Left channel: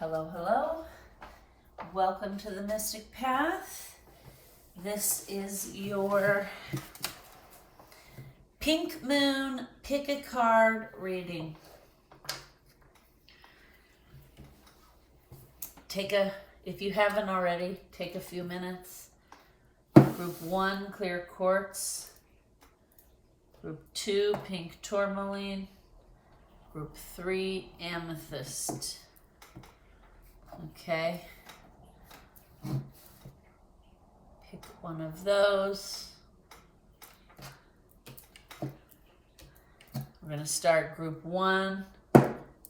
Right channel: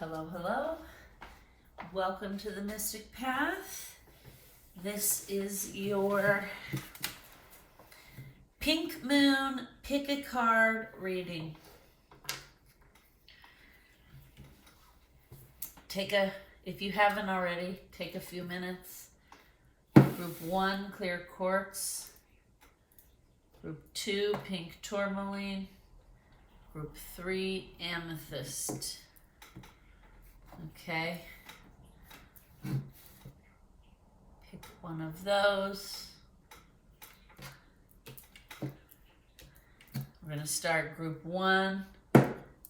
Hello, hello. Welcome to the Mystic Path. This is your Pink Moon Pick a Card reading. If you haven't already, take a few minutes. Group 1, clear quartz. Group 2, pink tourmaline. Group 3, amethyst. Okay. Pick one of those. We're going to start group 1,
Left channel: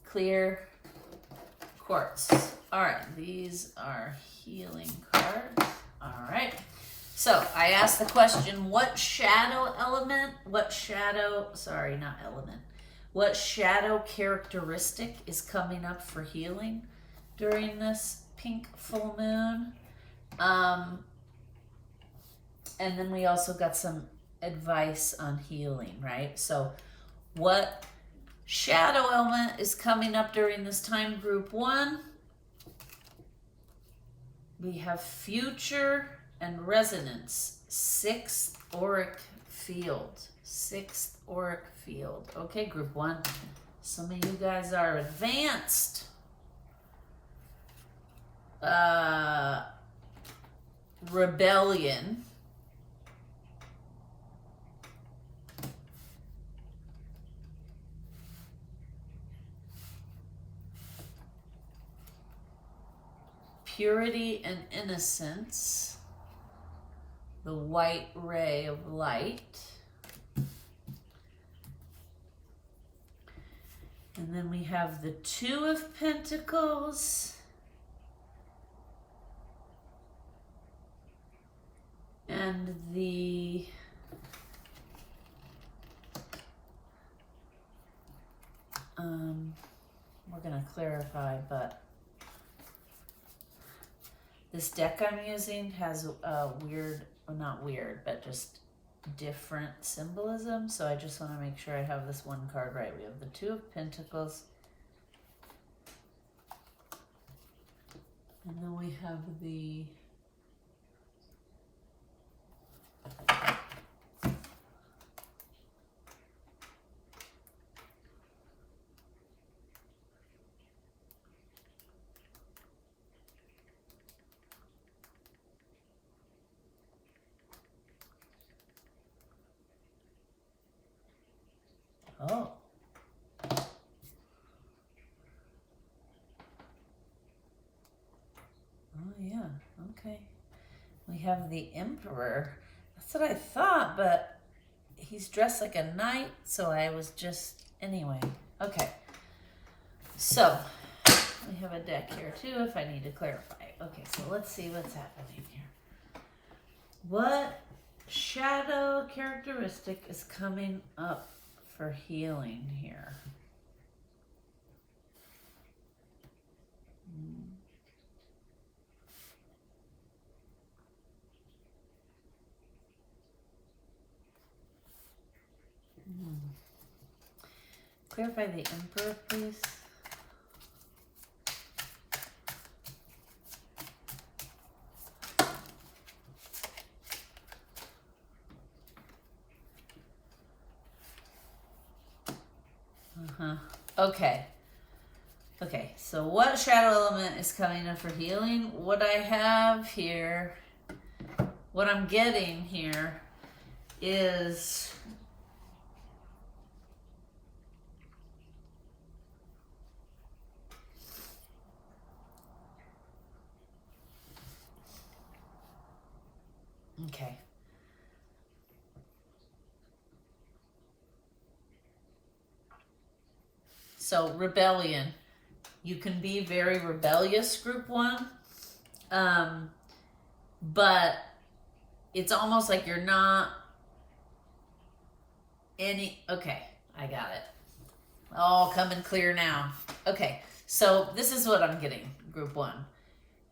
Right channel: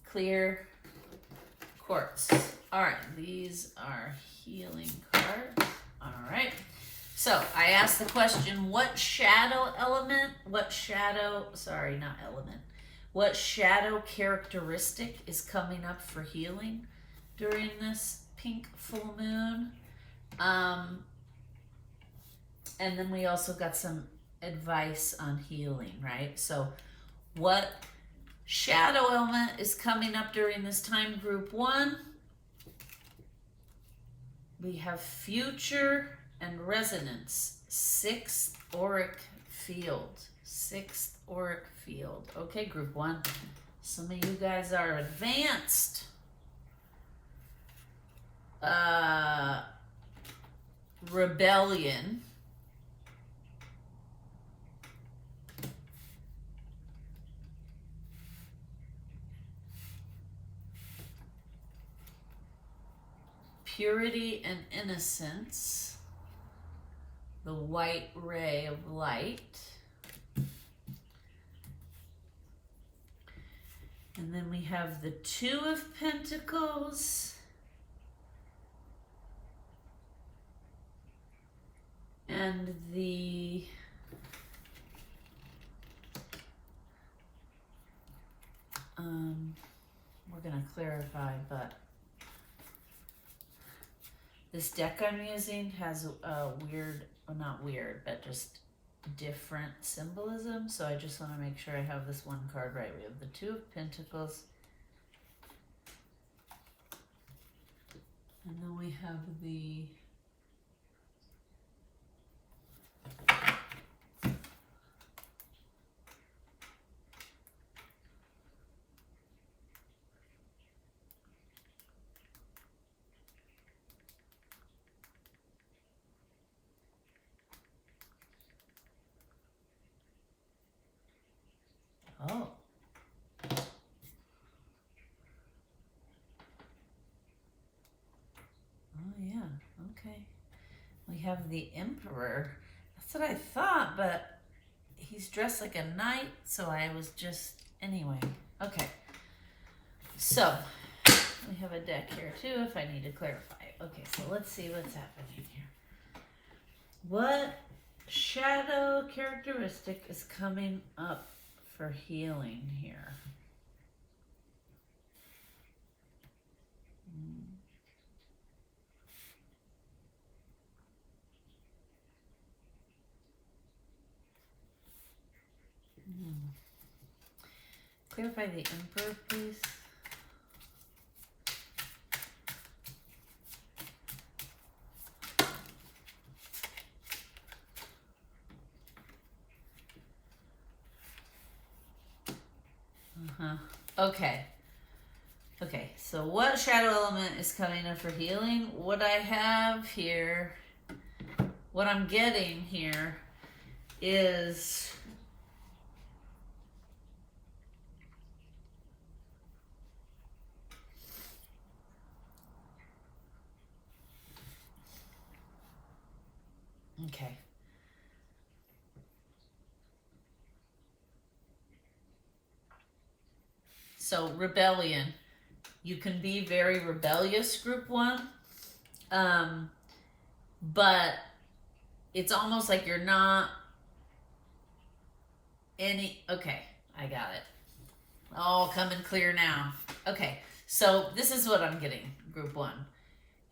clear quartz. All right, these are healing cards. All right. So I asked the question, what shadow characteristic is coming up for healing during this pink full moon? And then we also got some advice on healing, right? So what shadow element is coming up during this time? Group 1, we have future and resonance, 6th auric field. 6th auric field. Okay, group 1. Some of you guys are advanced. Rebellion. Purity and innocence. The white ray of light. And then we have the 2 of Pentacles. And the we're going to clarify, but this deck I'm using has a weird, well, not weird, but just different symbolism. So I just want to make sure I have this one card right. We have the 2 of Pentacles. And then we have the Oh. Oh, yeah. Okay. We have the Emperor. That's what I thought, but he's dressed like a knight, so I was just... Anyway. Okay. So, we have a deck here, too, if I need to clarify. Okay, so let's see what's happening here. What shadow characteristic is coming up for healing here? Clarify the Emperor, please. Okay. Okay, so what shadow element is coming up for healing? What I have here, what I'm getting here is okay. So rebellion. You can be very rebellious, group 1. But it's almost like you're not okay, I got it. All coming clear now. Okay, so this is what I'm getting, group 1.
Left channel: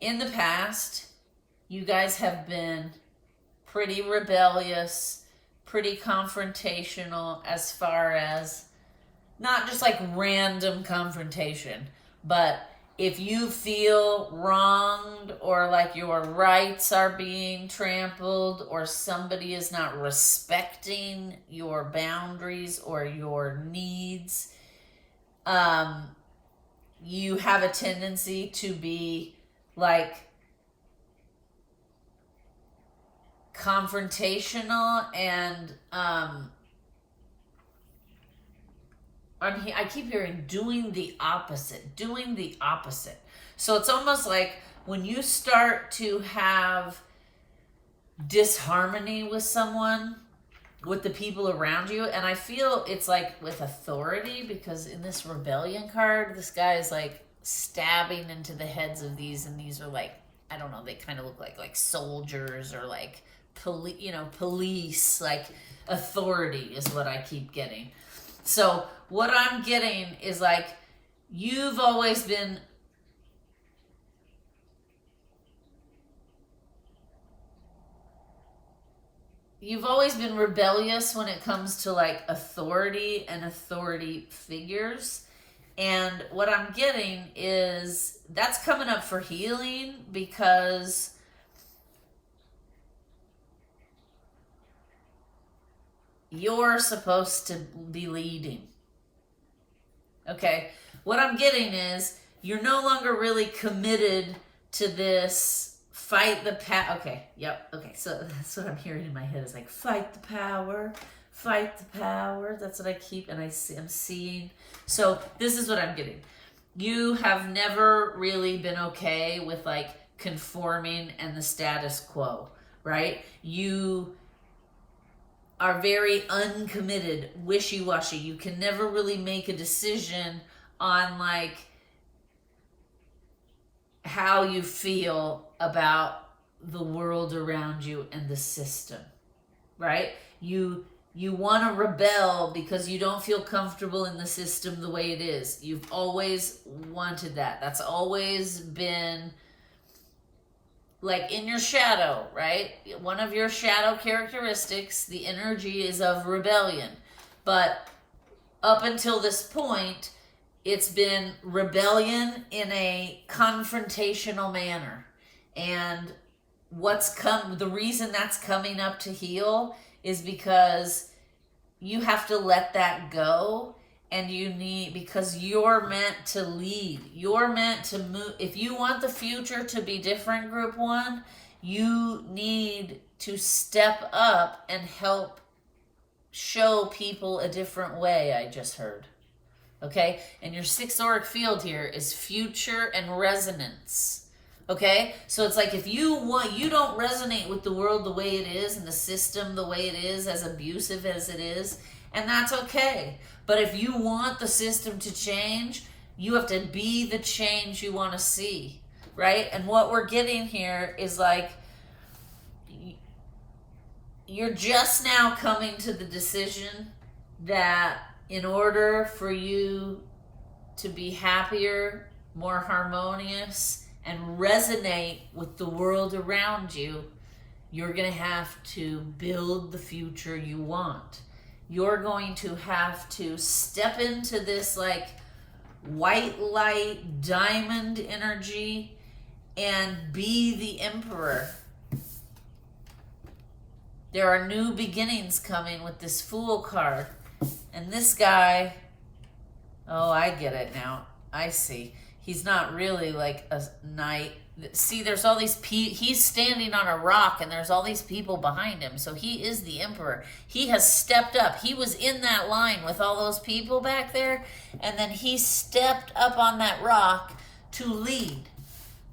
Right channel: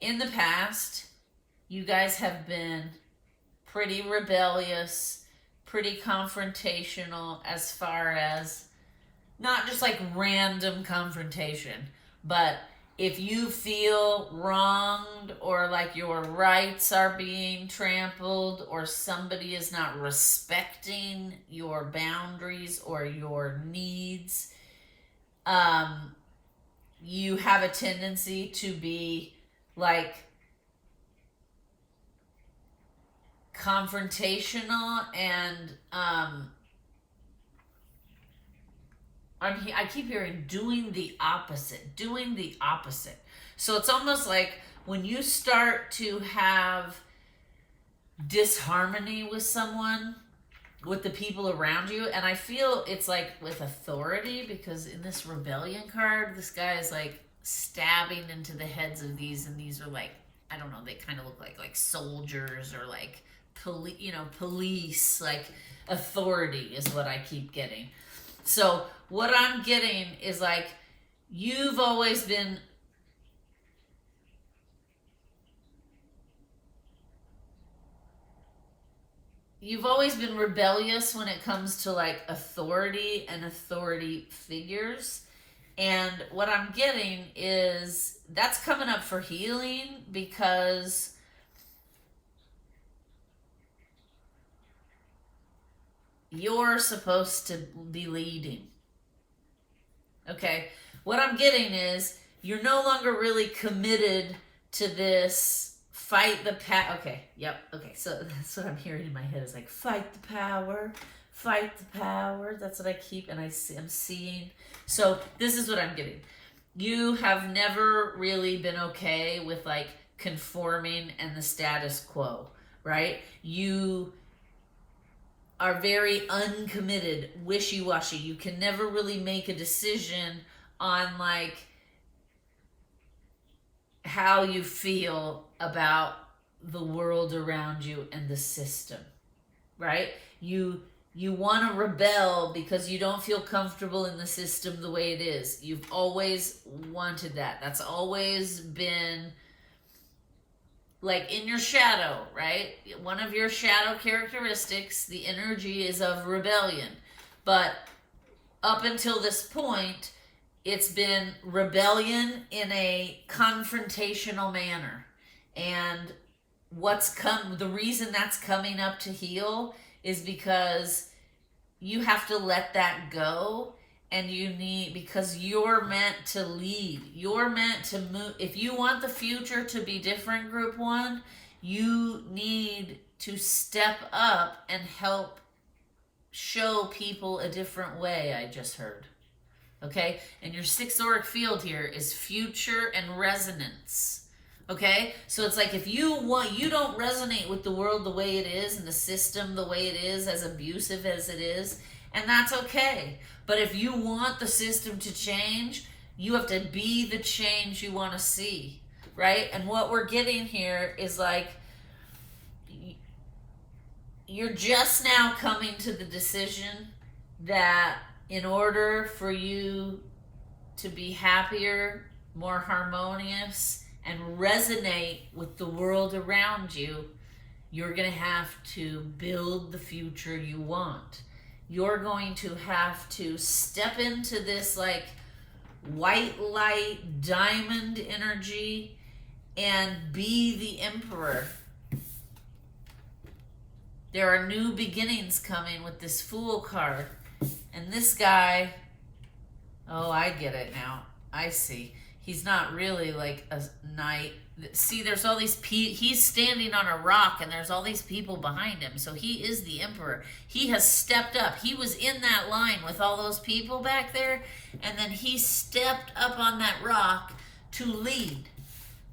In the past, you guys have been pretty rebellious, pretty confrontational as far as not just like random confrontation, but if you feel wronged or like your rights are being trampled or somebody is not respecting your boundaries or your needs, you have a tendency to be like confrontational and I keep hearing doing the opposite. So it's almost like when you start to have disharmony with someone, with the people around you, and I feel it's like with authority, because in this rebellion card, this guy is like stabbing into the heads of these, and these are like, I don't know, they kind of look like soldiers or like police, like authority is what I keep getting. So what I'm getting is like, you've always been rebellious when it comes to like authority and authority figures. And what I'm getting is that's coming up for healing, because you're supposed to be leading. Okay, what I'm getting is you're no longer really committed to this fight the power. Okay, yep, okay, so that's what I'm hearing in my head is like, fight the power. That's what I keep, and I'm seeing. So this is what I'm getting. You have never really been okay with like conforming and the status quo, right? You are very uncommitted, wishy-washy. You can never really make a decision on like how you feel about the world around you and the system, right? You want to rebel because you don't feel comfortable in the system the way it is. You've always wanted that. That's always been like in your shadow, right? One of your shadow characteristics, the energy is of rebellion. But up until this point, it's been rebellion in a confrontational manner. And the reason that's coming up to heal is because you have to let that go. And because you're meant to lead. You're meant to move. If you want the future to be different, Group 1, you need to step up and help show people a different way, I just heard. Okay? And your 6th auric field here is future and resonance. Okay? So it's like if you don't resonate with the world the way it is and the system the way it is, as abusive as it is, and that's okay. But if you want the system to change, you have to be the change you want to see, right? And what we're getting here is like, you're just now coming to the decision that in order for you to be happier, more harmonious, and resonate with the world around you, you're going to have to build the future you want. You're going to have to step into this like white light diamond energy and be the emperor. There are new beginnings coming with this Fool card. And this guy, oh, I get it now. I see. He's not really like a knight. See, there's all these he's standing on a rock and there's all these people behind him. So he is the emperor. He has stepped up. He was in that line with all those people back there. And then he stepped up on that rock to lead.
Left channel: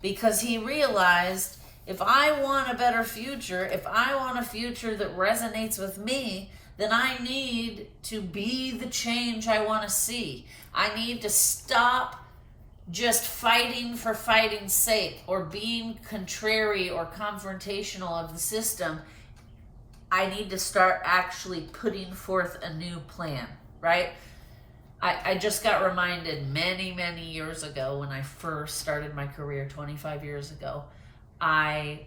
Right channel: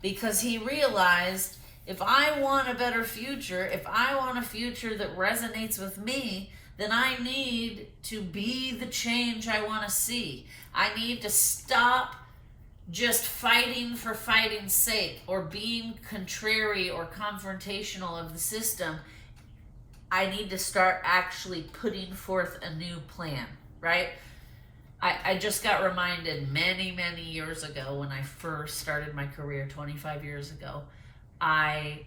Because he realized, if I want a better future, if I want a future that resonates with me, then I need to be the change I want to see. I need to stop just fighting for fighting's sake or being contrary or confrontational of the system. I need to start actually putting forth a new plan, right? I just got reminded many, many years ago when I first started my career 25 years ago. I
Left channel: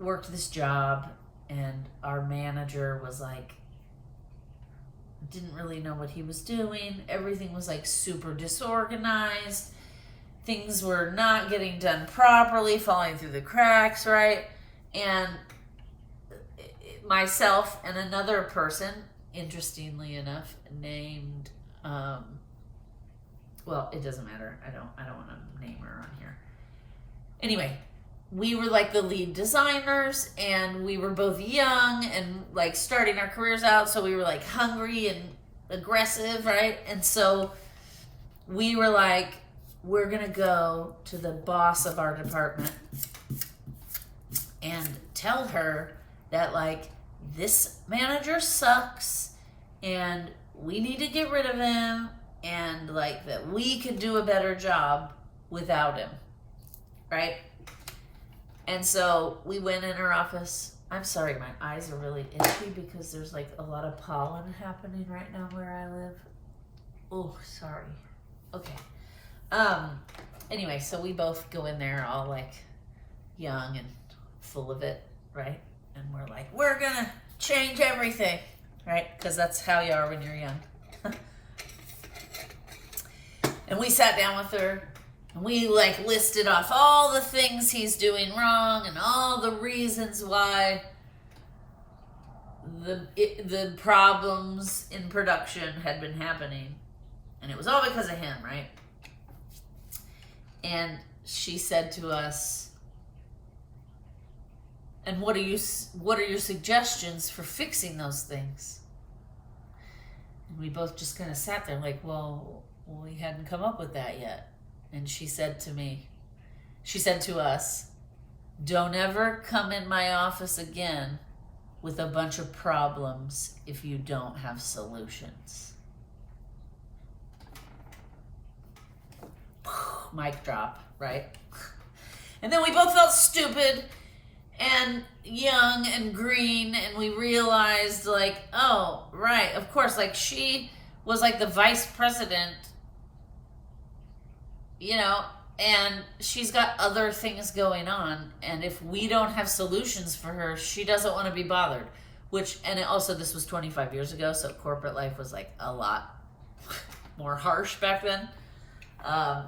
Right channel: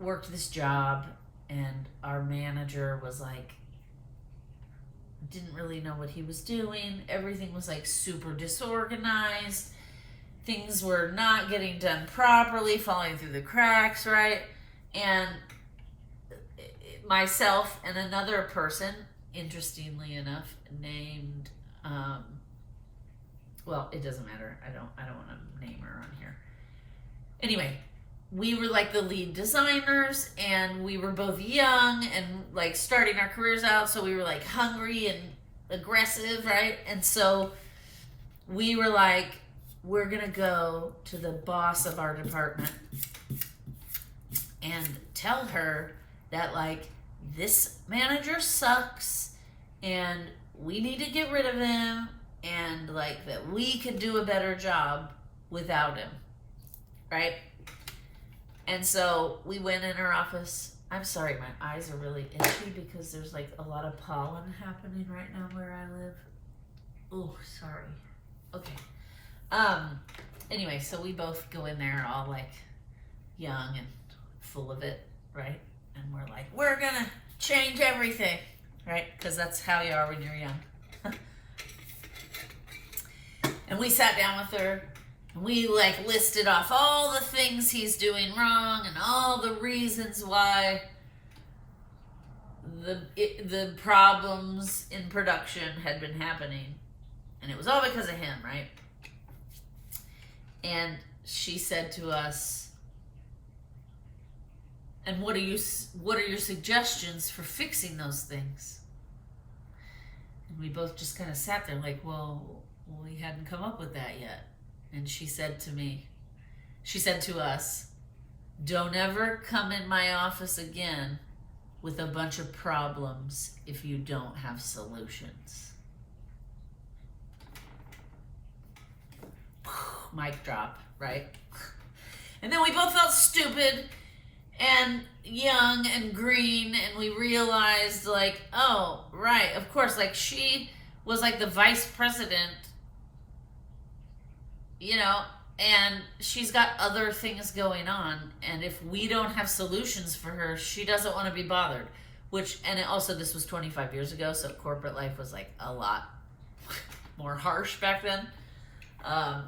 worked this job and our manager was like, didn't really know what he was doing. Everything was like super disorganized. things were not getting done properly, falling through the cracks, right? And myself and another person, interestingly enough, named, well, it doesn't matter. I don't want to name her on here. Anyway, we were like the lead designers, and we were both young and like starting our careers out, so we were like hungry and aggressive, right? And so we were like, we're gonna go to the boss of our department and tell her that like this manager sucks and we need to get rid of him, and like that we could do a better job without him, right? And so we went in her office. I'm sorry, my eyes are really itchy because there's like a lot of pollen happening right now where I live. Oh, sorry. Okay. Anyway, so we both go in there all like young and full of it, right? And we're like, we're gonna change everything, right? Because that's how you are when you're young. And we sat down with her and we like listed off all the things he's doing wrong and all the reasons why the problems in production had been happening. And it was all because of him, right? And she said to us, and what are your suggestions for fixing those things? And we both just kind of sat there like, well, we hadn't come up with that yet. And she said to us, don't ever come in my office again with a bunch of problems if you don't have solutions. Mic drop, right? And then we both felt stupid and young and green, and we realized like, oh, right, of course, like she was like the vice president, you know, and she's got other things going on, and if we don't have solutions for her, she doesn't want to be bothered. And also this was 25 years ago, so corporate life was like a lot more harsh back then.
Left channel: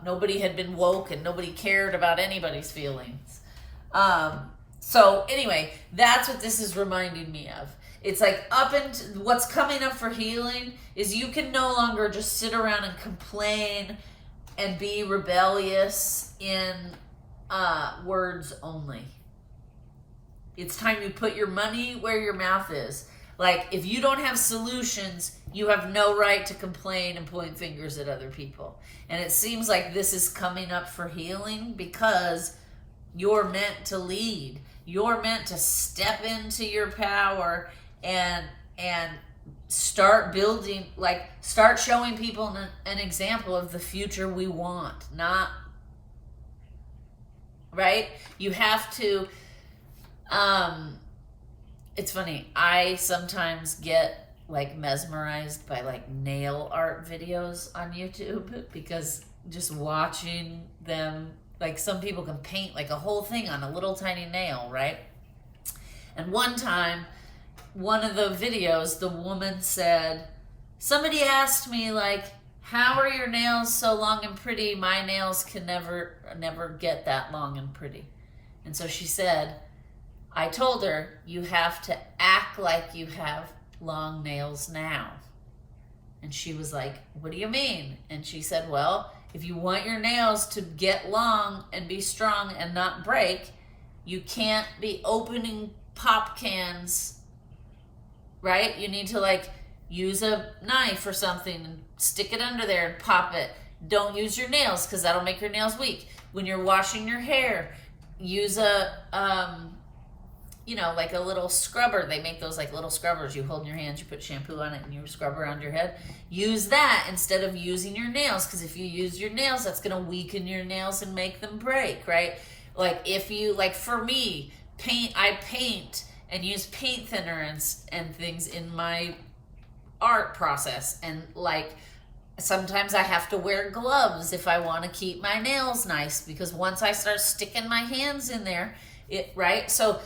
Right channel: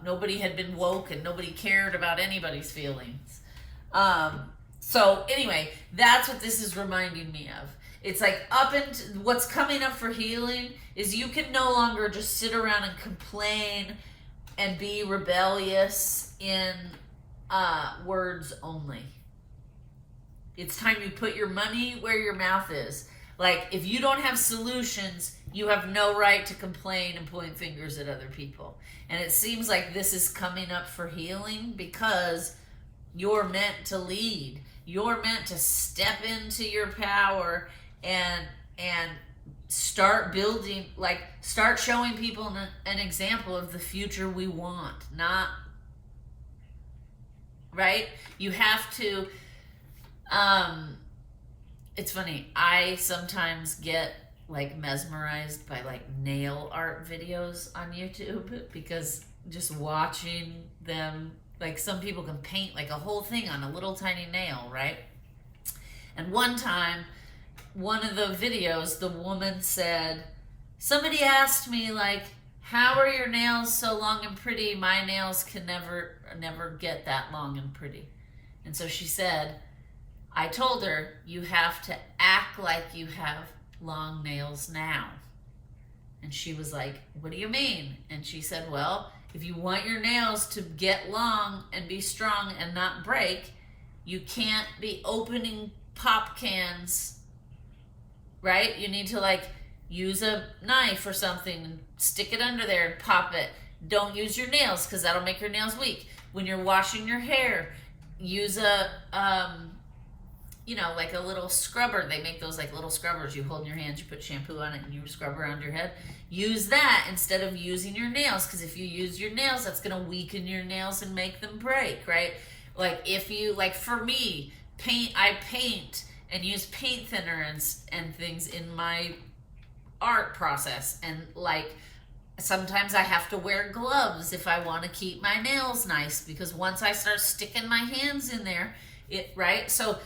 Nobody had been woke and nobody cared about anybody's feelings. So anyway, that's what this is reminding me of. It's like what's coming up for healing is you can no longer just sit around and complain and be rebellious in words only. It's time you put your money where your mouth is. Like, if you don't have solutions, you have no right to complain and point fingers at other people. And it seems like this is coming up for healing because you're meant to lead. You're meant to step into your power and start building, like start showing people an example of the future we want. Not, right? You have to, it's funny, I sometimes get like mesmerized by like nail art videos on YouTube because just watching them, like some people can paint like a whole thing on a little tiny nail, right? And one time, one of the videos, the woman said, somebody asked me like, how are your nails so long and pretty? My nails can never get that long and pretty. And so she said, I told her, you have to act like you have long nails now. And she was like, what do you mean? And she said, well, if you want your nails to get long and be strong and not break, you can't be opening pop cans, right? You need to like use a knife or something and stick it under there and pop it. Don't use your nails because that'll make your nails weak. When you're washing your hair, use a like a little scrubber. They make those like little scrubbers. You hold in your hands, you put shampoo on it, and you scrub around your head. Use that instead of using your nails, because if you use your nails, that's going to weaken your nails and make them break, right? Like if you, like for me, I paint and use paint thinner and things in my art process. And like sometimes I have to wear gloves if I want to keep my nails nice, because once I start sticking my hands in there, right? So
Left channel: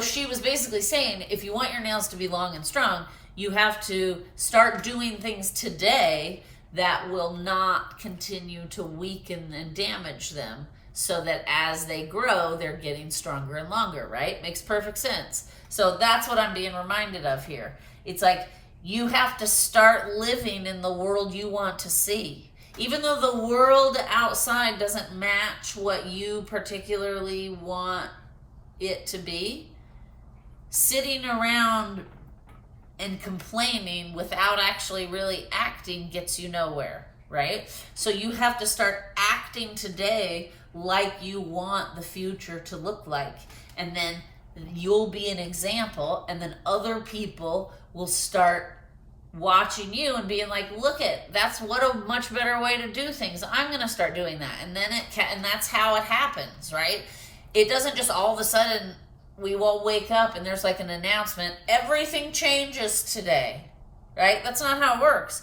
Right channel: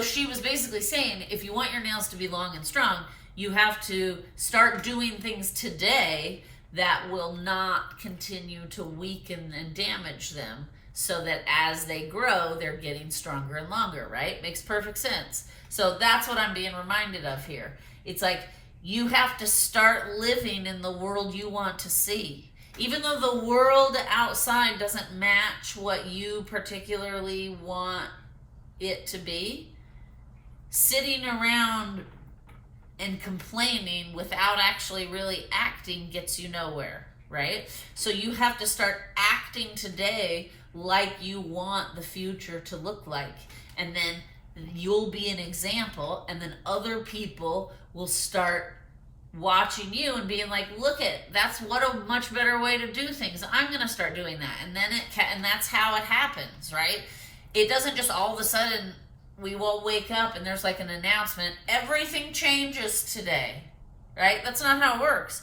she was basically saying, if you want your nails to be long and strong, you have to start doing things today that will not continue to weaken and damage them, so that as they grow, they're getting stronger and longer, right? Makes perfect sense. So that's what I'm being reminded of here. It's like you have to start living in the world you want to see. Even though the world outside doesn't match what you particularly want it to be, sitting around and complaining without actually really acting gets you nowhere, right? So you have to start acting today like you want the future to look like. And then you'll be an example, and then other people will start watching you and being like, look at, that's what a much better way to do things. I'm going to start doing that. And then and that's how it happens, right? It doesn't just all of a sudden we all wake up and there's like an announcement, everything changes today, right? That's not how it works.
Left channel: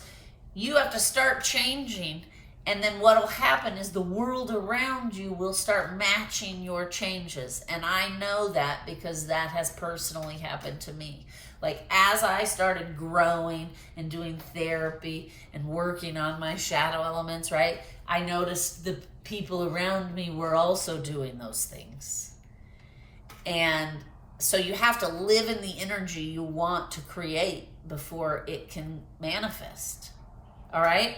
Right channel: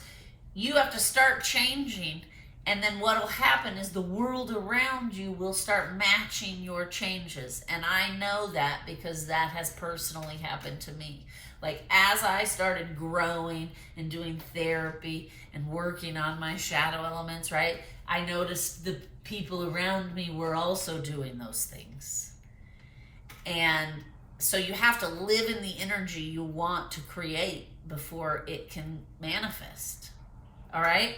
You have to start changing, and then what will happen is the world around you will start matching your changes. And I know that because that has personally happened to me. Like, as I started growing and doing therapy and working on my shadow elements, right, I noticed the people around me were also doing those things. And so you have to live in the energy you want to create before it can manifest. All right?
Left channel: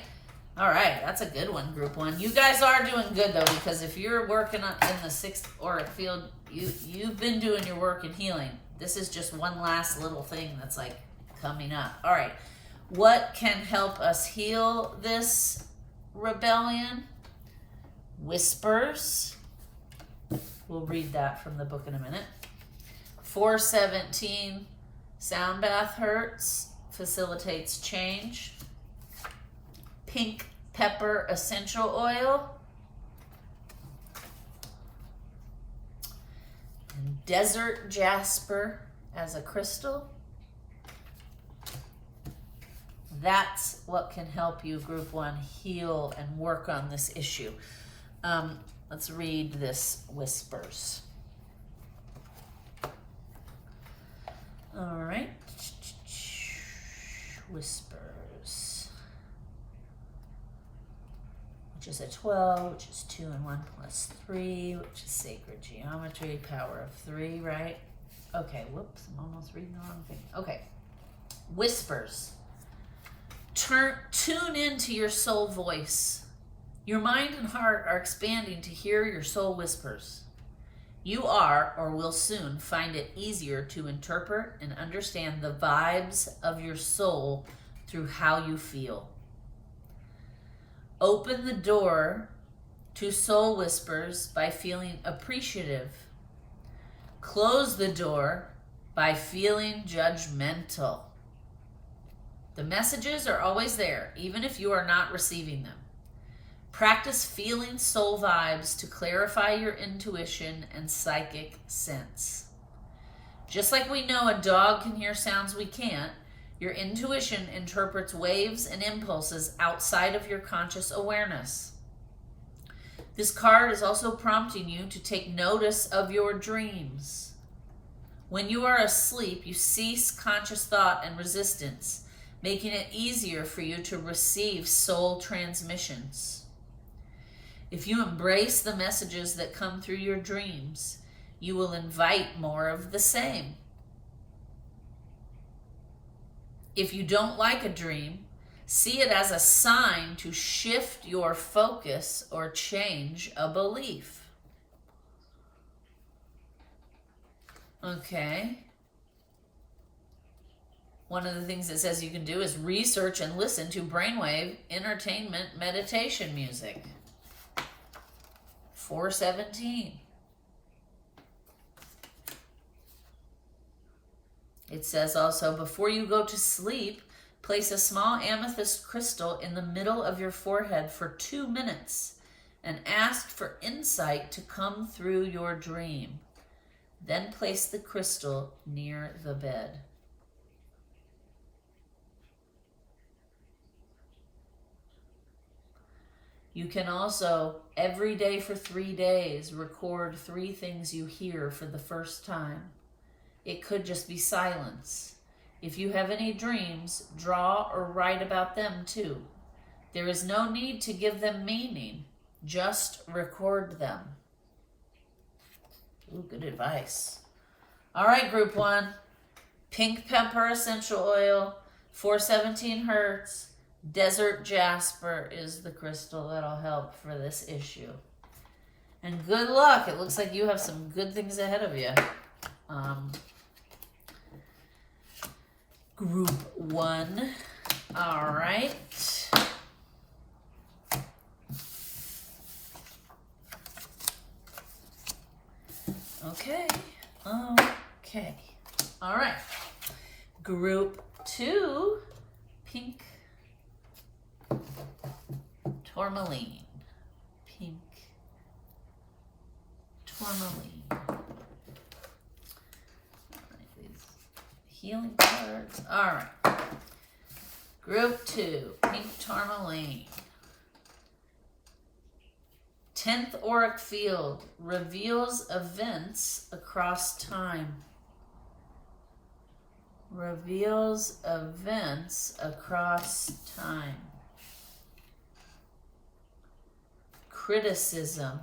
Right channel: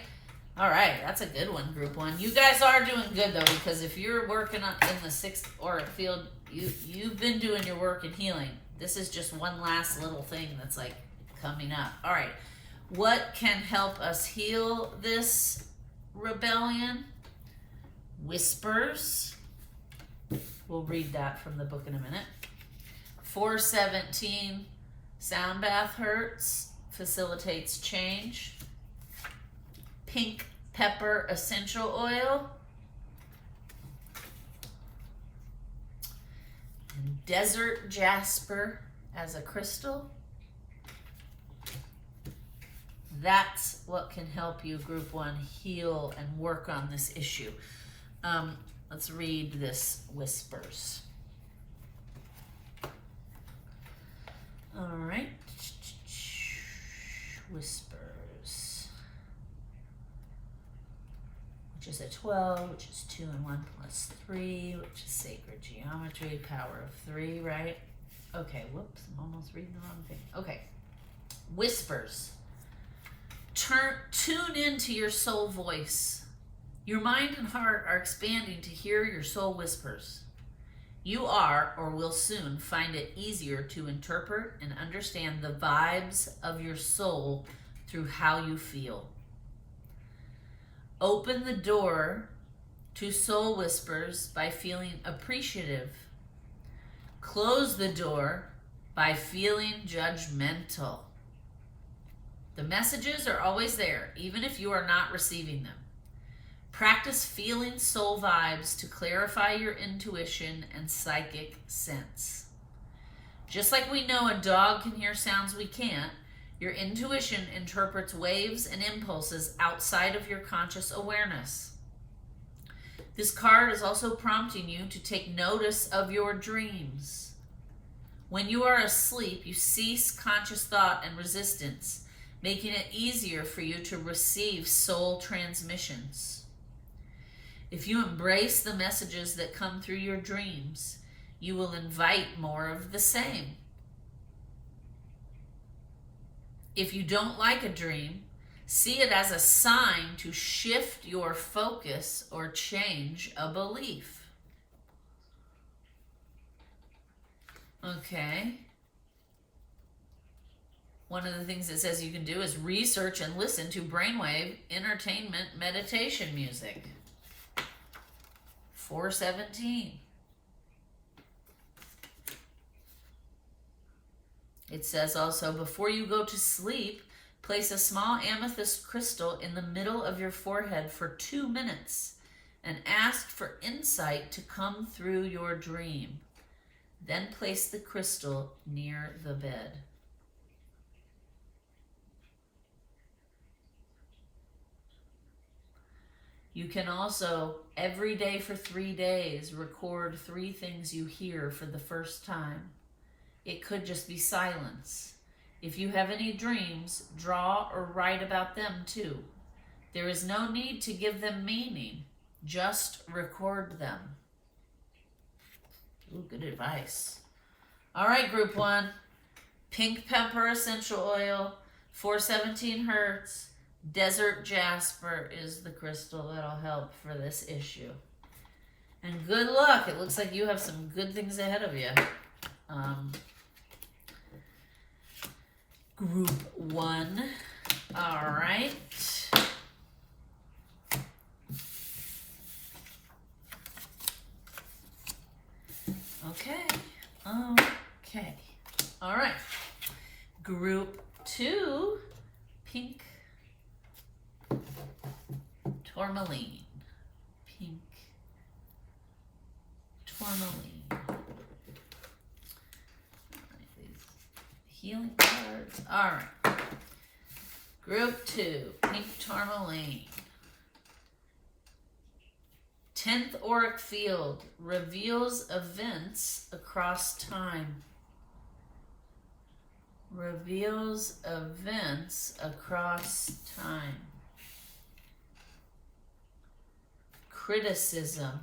All right, that's a good one, group one. You guys are doing good, though, because if you're working in the sixth auric field, you've been doing your work in healing. This is just one last little thing that's like coming up. All right, what can help us heal this rebellion? Whispers. We'll read that from the book in a minute. 417, sound bath hurts, facilitates change. Pink pepper essential oil. And desert jasper as a crystal. That's what can help you, group one, heal and work on this issue. Let's read this whispers. All right. Whispers. Which is a 12, which is 2 and 1 plus 3, which is sacred geometry, power of 3, right? Okay, whoops, I'm almost reading the wrong thing. Okay. Whispers. Tune into your soul voice. Your mind and heart are expanding to hear your soul whispers. You are, or will soon, find it easier to interpret and understand the vibes of your soul through how you feel. Open the door to soul whispers by feeling appreciative. Close the door by feeling judgmental. The messages are always there, even if you are not receiving them. Practice feeling soul vibes to clarify your intuition and psychic sense. Just like we know a dog can hear sounds we can't, your intuition interprets waves and impulses outside of your conscious awareness. This card is also prompting you to take notice of your dreams. When you are asleep, you cease conscious thought and resistance, making it easier for you to receive soul transmissions. If you embrace the messages that come through your dreams, you will invite more of the same. If you don't like a dream, see it as a sign to shift your focus or change a belief. Okay. One of the things it says you can do is research and listen to brainwave entertainment meditation music. 417. It says also, before you go to sleep, place a small amethyst crystal in the middle of your forehead for 2 minutes and ask for insight to come through your dream. Then place the crystal near the bed. You can also, every day for 3 days, record 3 things you hear for the first time. It could just be silence. If you have any dreams, draw or write about them too. There is no need to give them meaning. Just record them. Ooh, good advice. All right, group 1. Pink pepper essential oil, 417 hertz. Desert jasper is the crystal that'll help for this issue. And good luck. It looks like you have some good things ahead of you. Group 1. All right. Okay. Okay. All right. Group 2. Pink tourmaline. Pink tourmaline. All right, these healing cards. All right. Group 2. Pink tourmaline. 10th auric field reveals events across time. Reveals events across time. Criticism.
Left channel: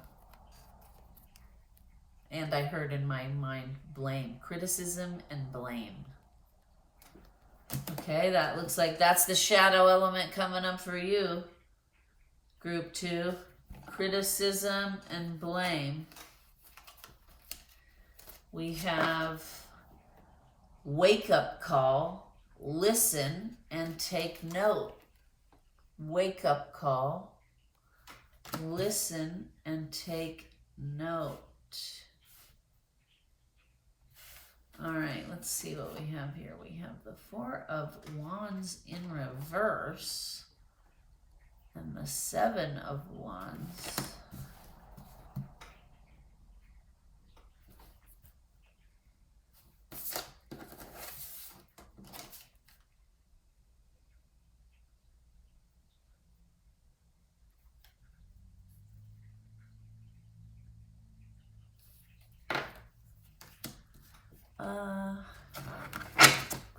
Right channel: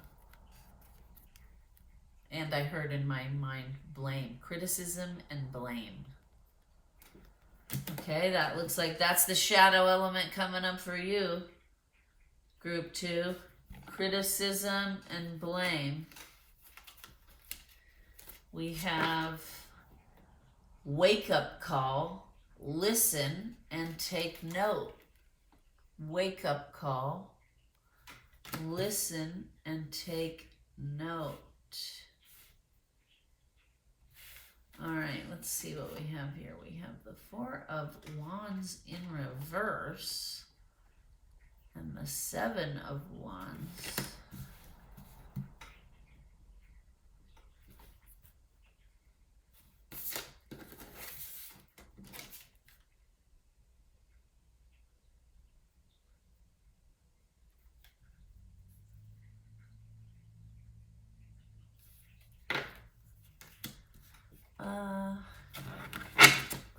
And I heard in my mind blame. Criticism and blame. Okay, that looks like that's the shadow element coming up for you. Group 2. Criticism and blame. We have wake up call, listen and take note. Wake up call, listen and take note. All right, let's see what we have here. We have the 4 of Wands in reverse. And the 7 of Wands.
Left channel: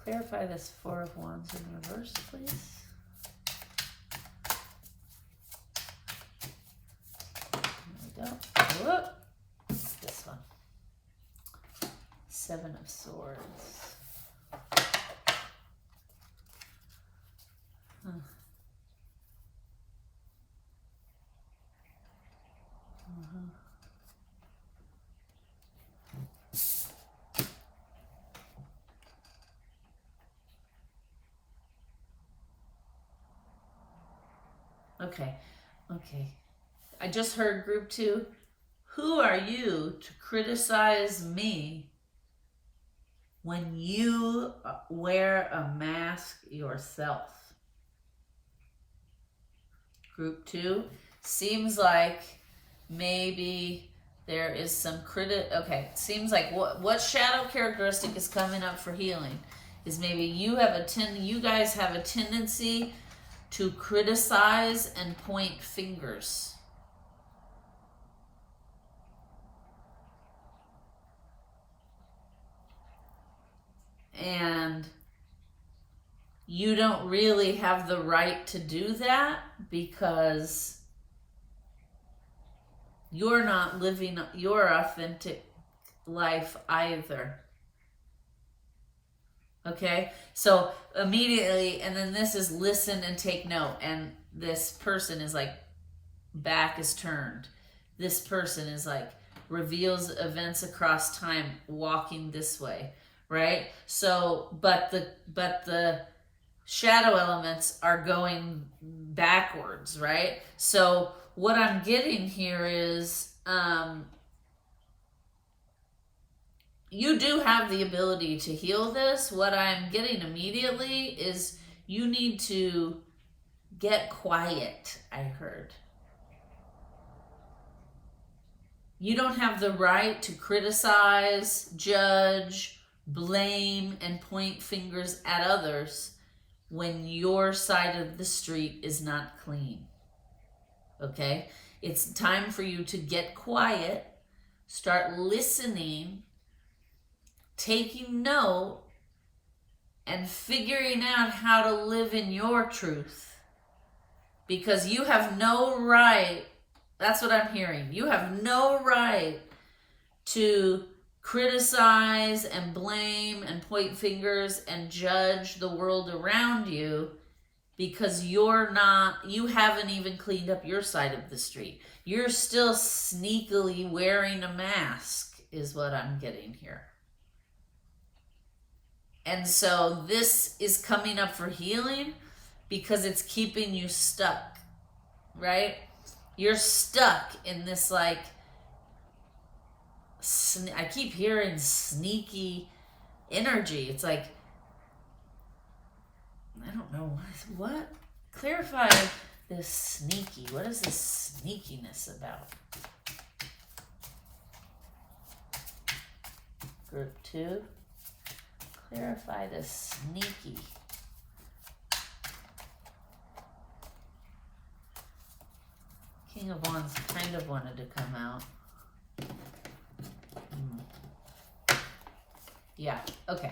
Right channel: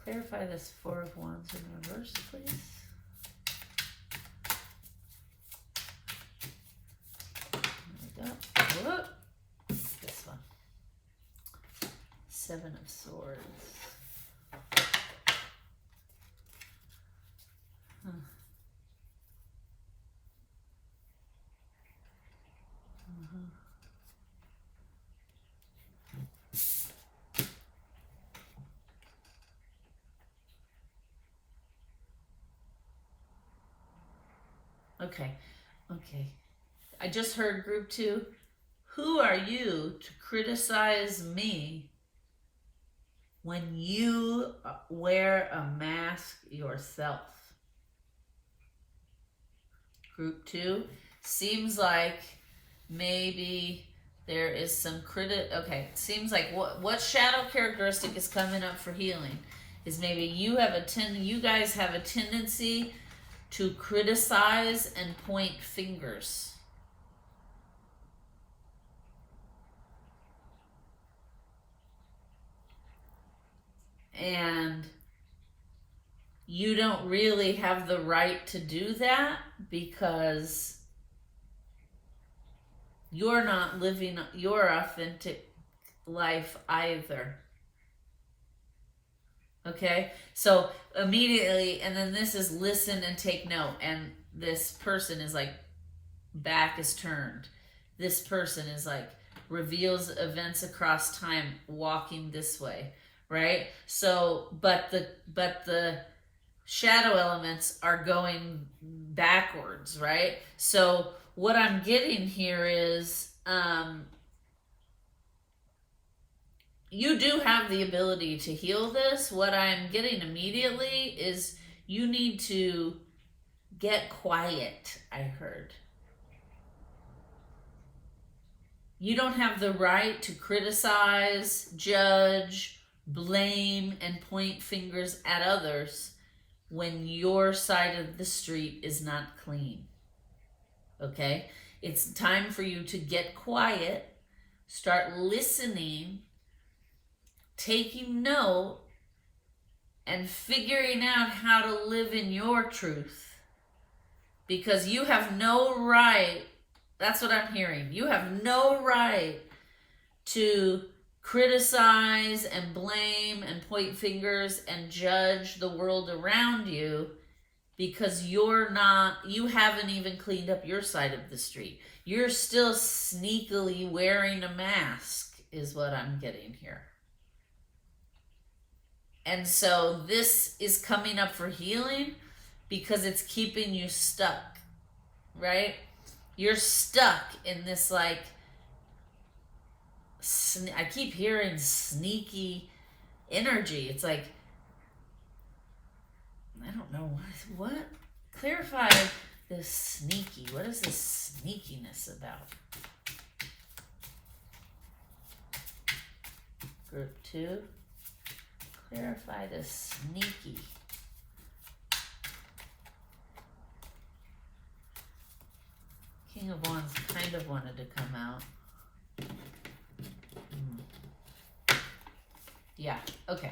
Clarify this 4 of Wands in reverse, please. Whoop. This one. 7 of Swords. Okay. I just heard group 2. Who are you to criticize me when you wear a mask yourself? Group 2. Seems like maybe there is some Okay, it seems like what shadow characteristic is coming up for healing is maybe you guys have a tendency to criticize and point fingers. And you don't really have the right to do that because you're not living your authentic life either. Okay? So immediately, and then this is listen and take note. And this person is like, back is turned. This person is like, reveals events across time, walking this way. Right? So, but the shadow elements are going backwards, right? So what I'm getting here is you do have the ability to heal this. What I'm getting immediately is you need to get quiet, I heard. You don't have the right to criticize, judge, blame, and point fingers at others when your side of the street is not clean. Okay? It's time for you to get quiet, start listening, taking note, and figuring out how to live in your truth. because you have no right, that's what I'm hearing, you have no right to criticize and blame and point fingers and judge the world around you, because you haven't even cleaned up your side of the street. You're still sneakily wearing a mask, is what I'm getting here. And so this is coming up for healing because it's keeping you stuck, right? You're stuck in this, like, I keep hearing sneaky energy. It's like, I don't know what clarify this sneaky. What is this sneakiness about? Group 2, clarify this sneaky. King of Wands kind of wanted to come out. Yeah, okay.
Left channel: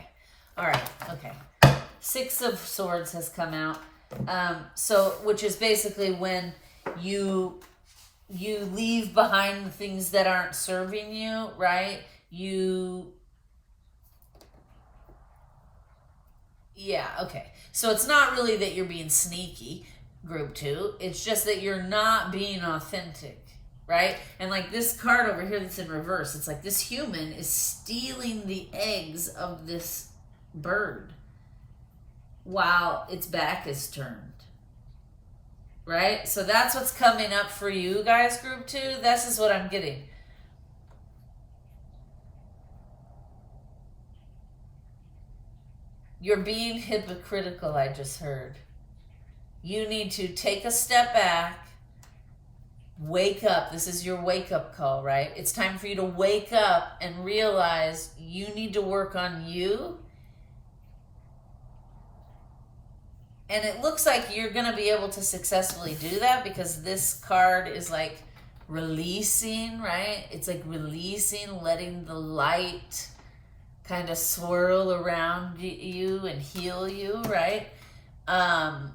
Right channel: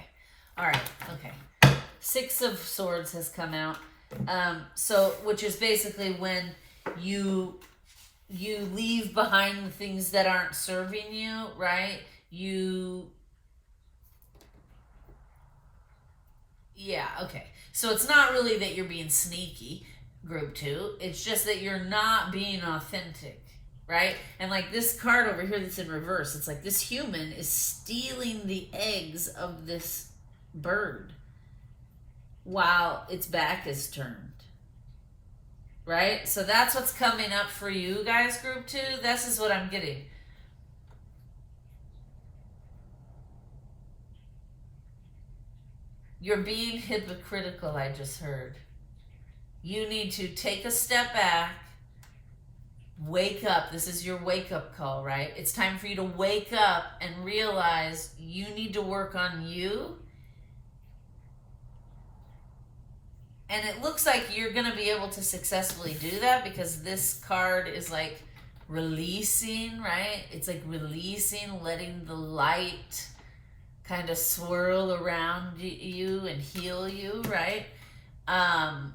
All right, okay. 6 of Swords has come out. So, which is basically when you leave behind the things that aren't serving you, right? Yeah, okay. So it's not really that you're being sneaky, group 2. It's just that you're not being authentic, right? And like this card over here that's in reverse, it's like this human is stealing the eggs of this bird while its back is turned, right? So that's what's coming up for you guys, group 2. This is what I'm getting. You're being hypocritical, I just heard. You need to take a step back, wake up. This is your wake-up call, right? It's time for you to wake up and realize you need to work on you. And it looks like you're going to be able to successfully do that because this card is like releasing, right? It's like releasing, letting the light kind of swirl around you and heal you, right? And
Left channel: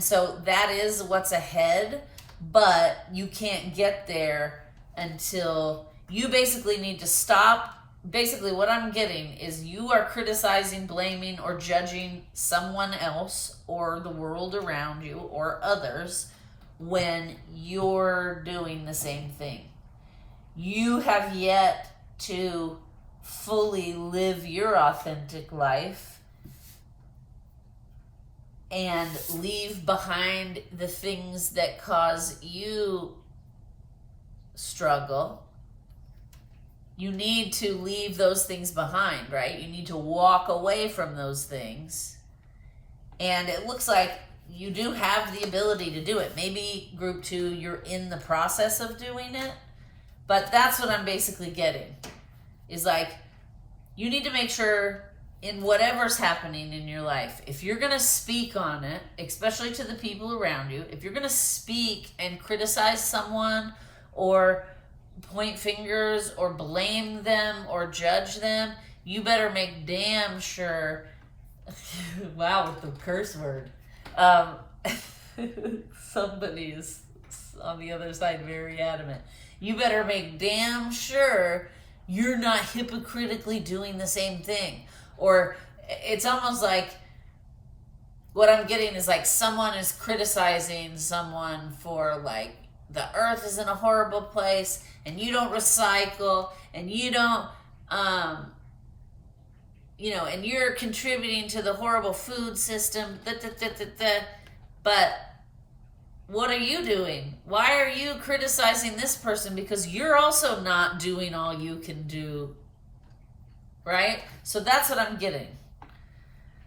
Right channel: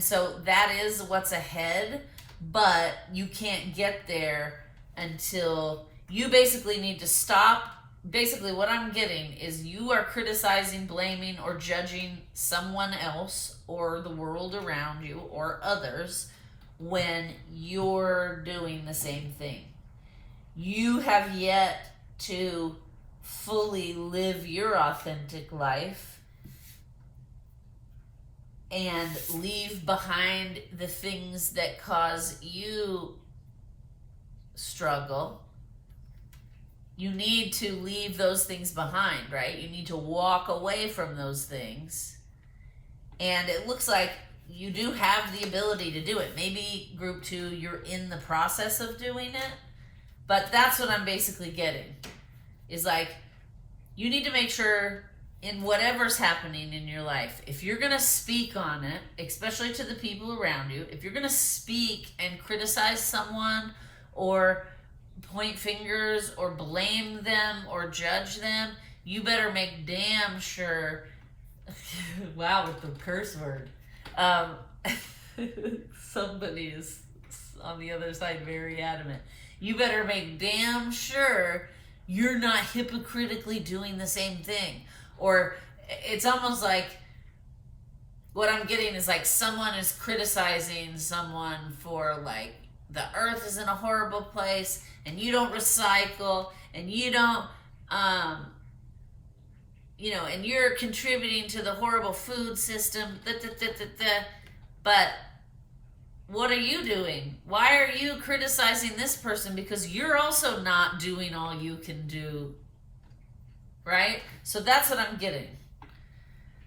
so that is what's ahead, but you can't get there until you basically need to stop. Basically what I'm getting is you are criticizing, blaming, or judging someone else or the world around you or others when you're doing the same thing. You have yet to fully live your authentic life and leave behind the things that cause you struggle. You need to leave those things behind, right? You need to walk away from those things. And it looks like you do have the ability to do it. Maybe group 2, you're in the process of doing it. But that's what I'm basically getting. Is like, you need to make sure in whatever's happening in your life, if you're going to speak on it, especially to the people around you, if you're going to speak and criticize someone or point fingers or blame them or judge them, you better make damn sure, wow, with the curse word, somebody is on the other side very adamant. You better make damn sure you're not hypocritically doing the same thing. Or it's almost like what I'm getting is like someone is criticizing someone for like the earth is in a horrible place and you don't recycle and you don't, and you're contributing to the horrible food system, but what are you doing? Why are you criticizing this person? Because you're also not doing all you can do, right? So that's what I'm getting.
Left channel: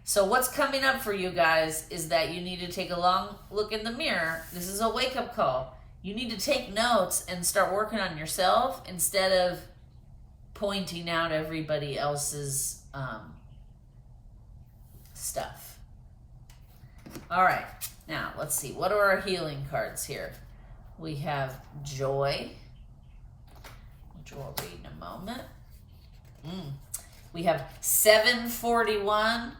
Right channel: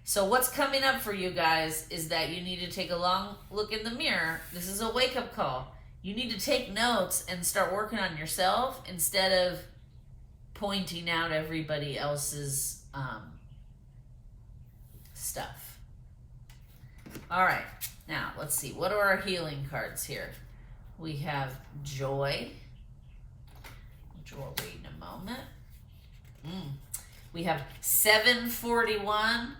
So what's coming up for you guys is that you need to take a long look in the mirror. This is a wake-up call. You need to take notes and start working on yourself instead of pointing out everybody else's stuff. All right. Now, let's see. What are our healing cards here? We have joy, which we'll read in a moment. We have 741,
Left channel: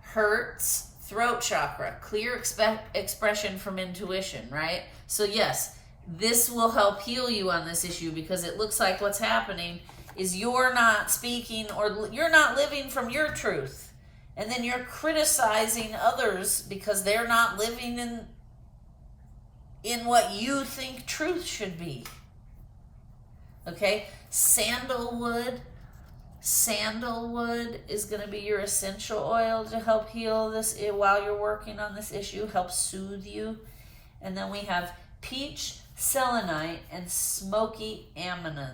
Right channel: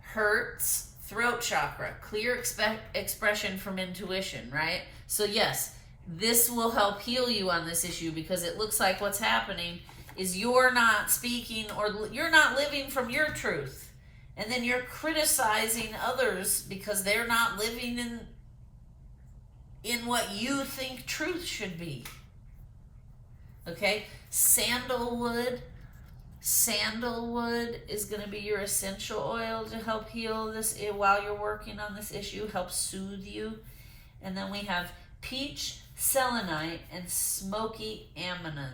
hurts, throat chakra, clear expression from intuition, right? So yes, this will help heal you on this issue, because it looks like what's happening is you're not speaking, or you're not living from your truth. And then you're criticizing others because they're not living in what you think truth should be. Okay? Sandalwood is going to be your essential oil to help heal this while you're working on this issue, help soothe you. And then we have peach, selenite, and smoky amazonite.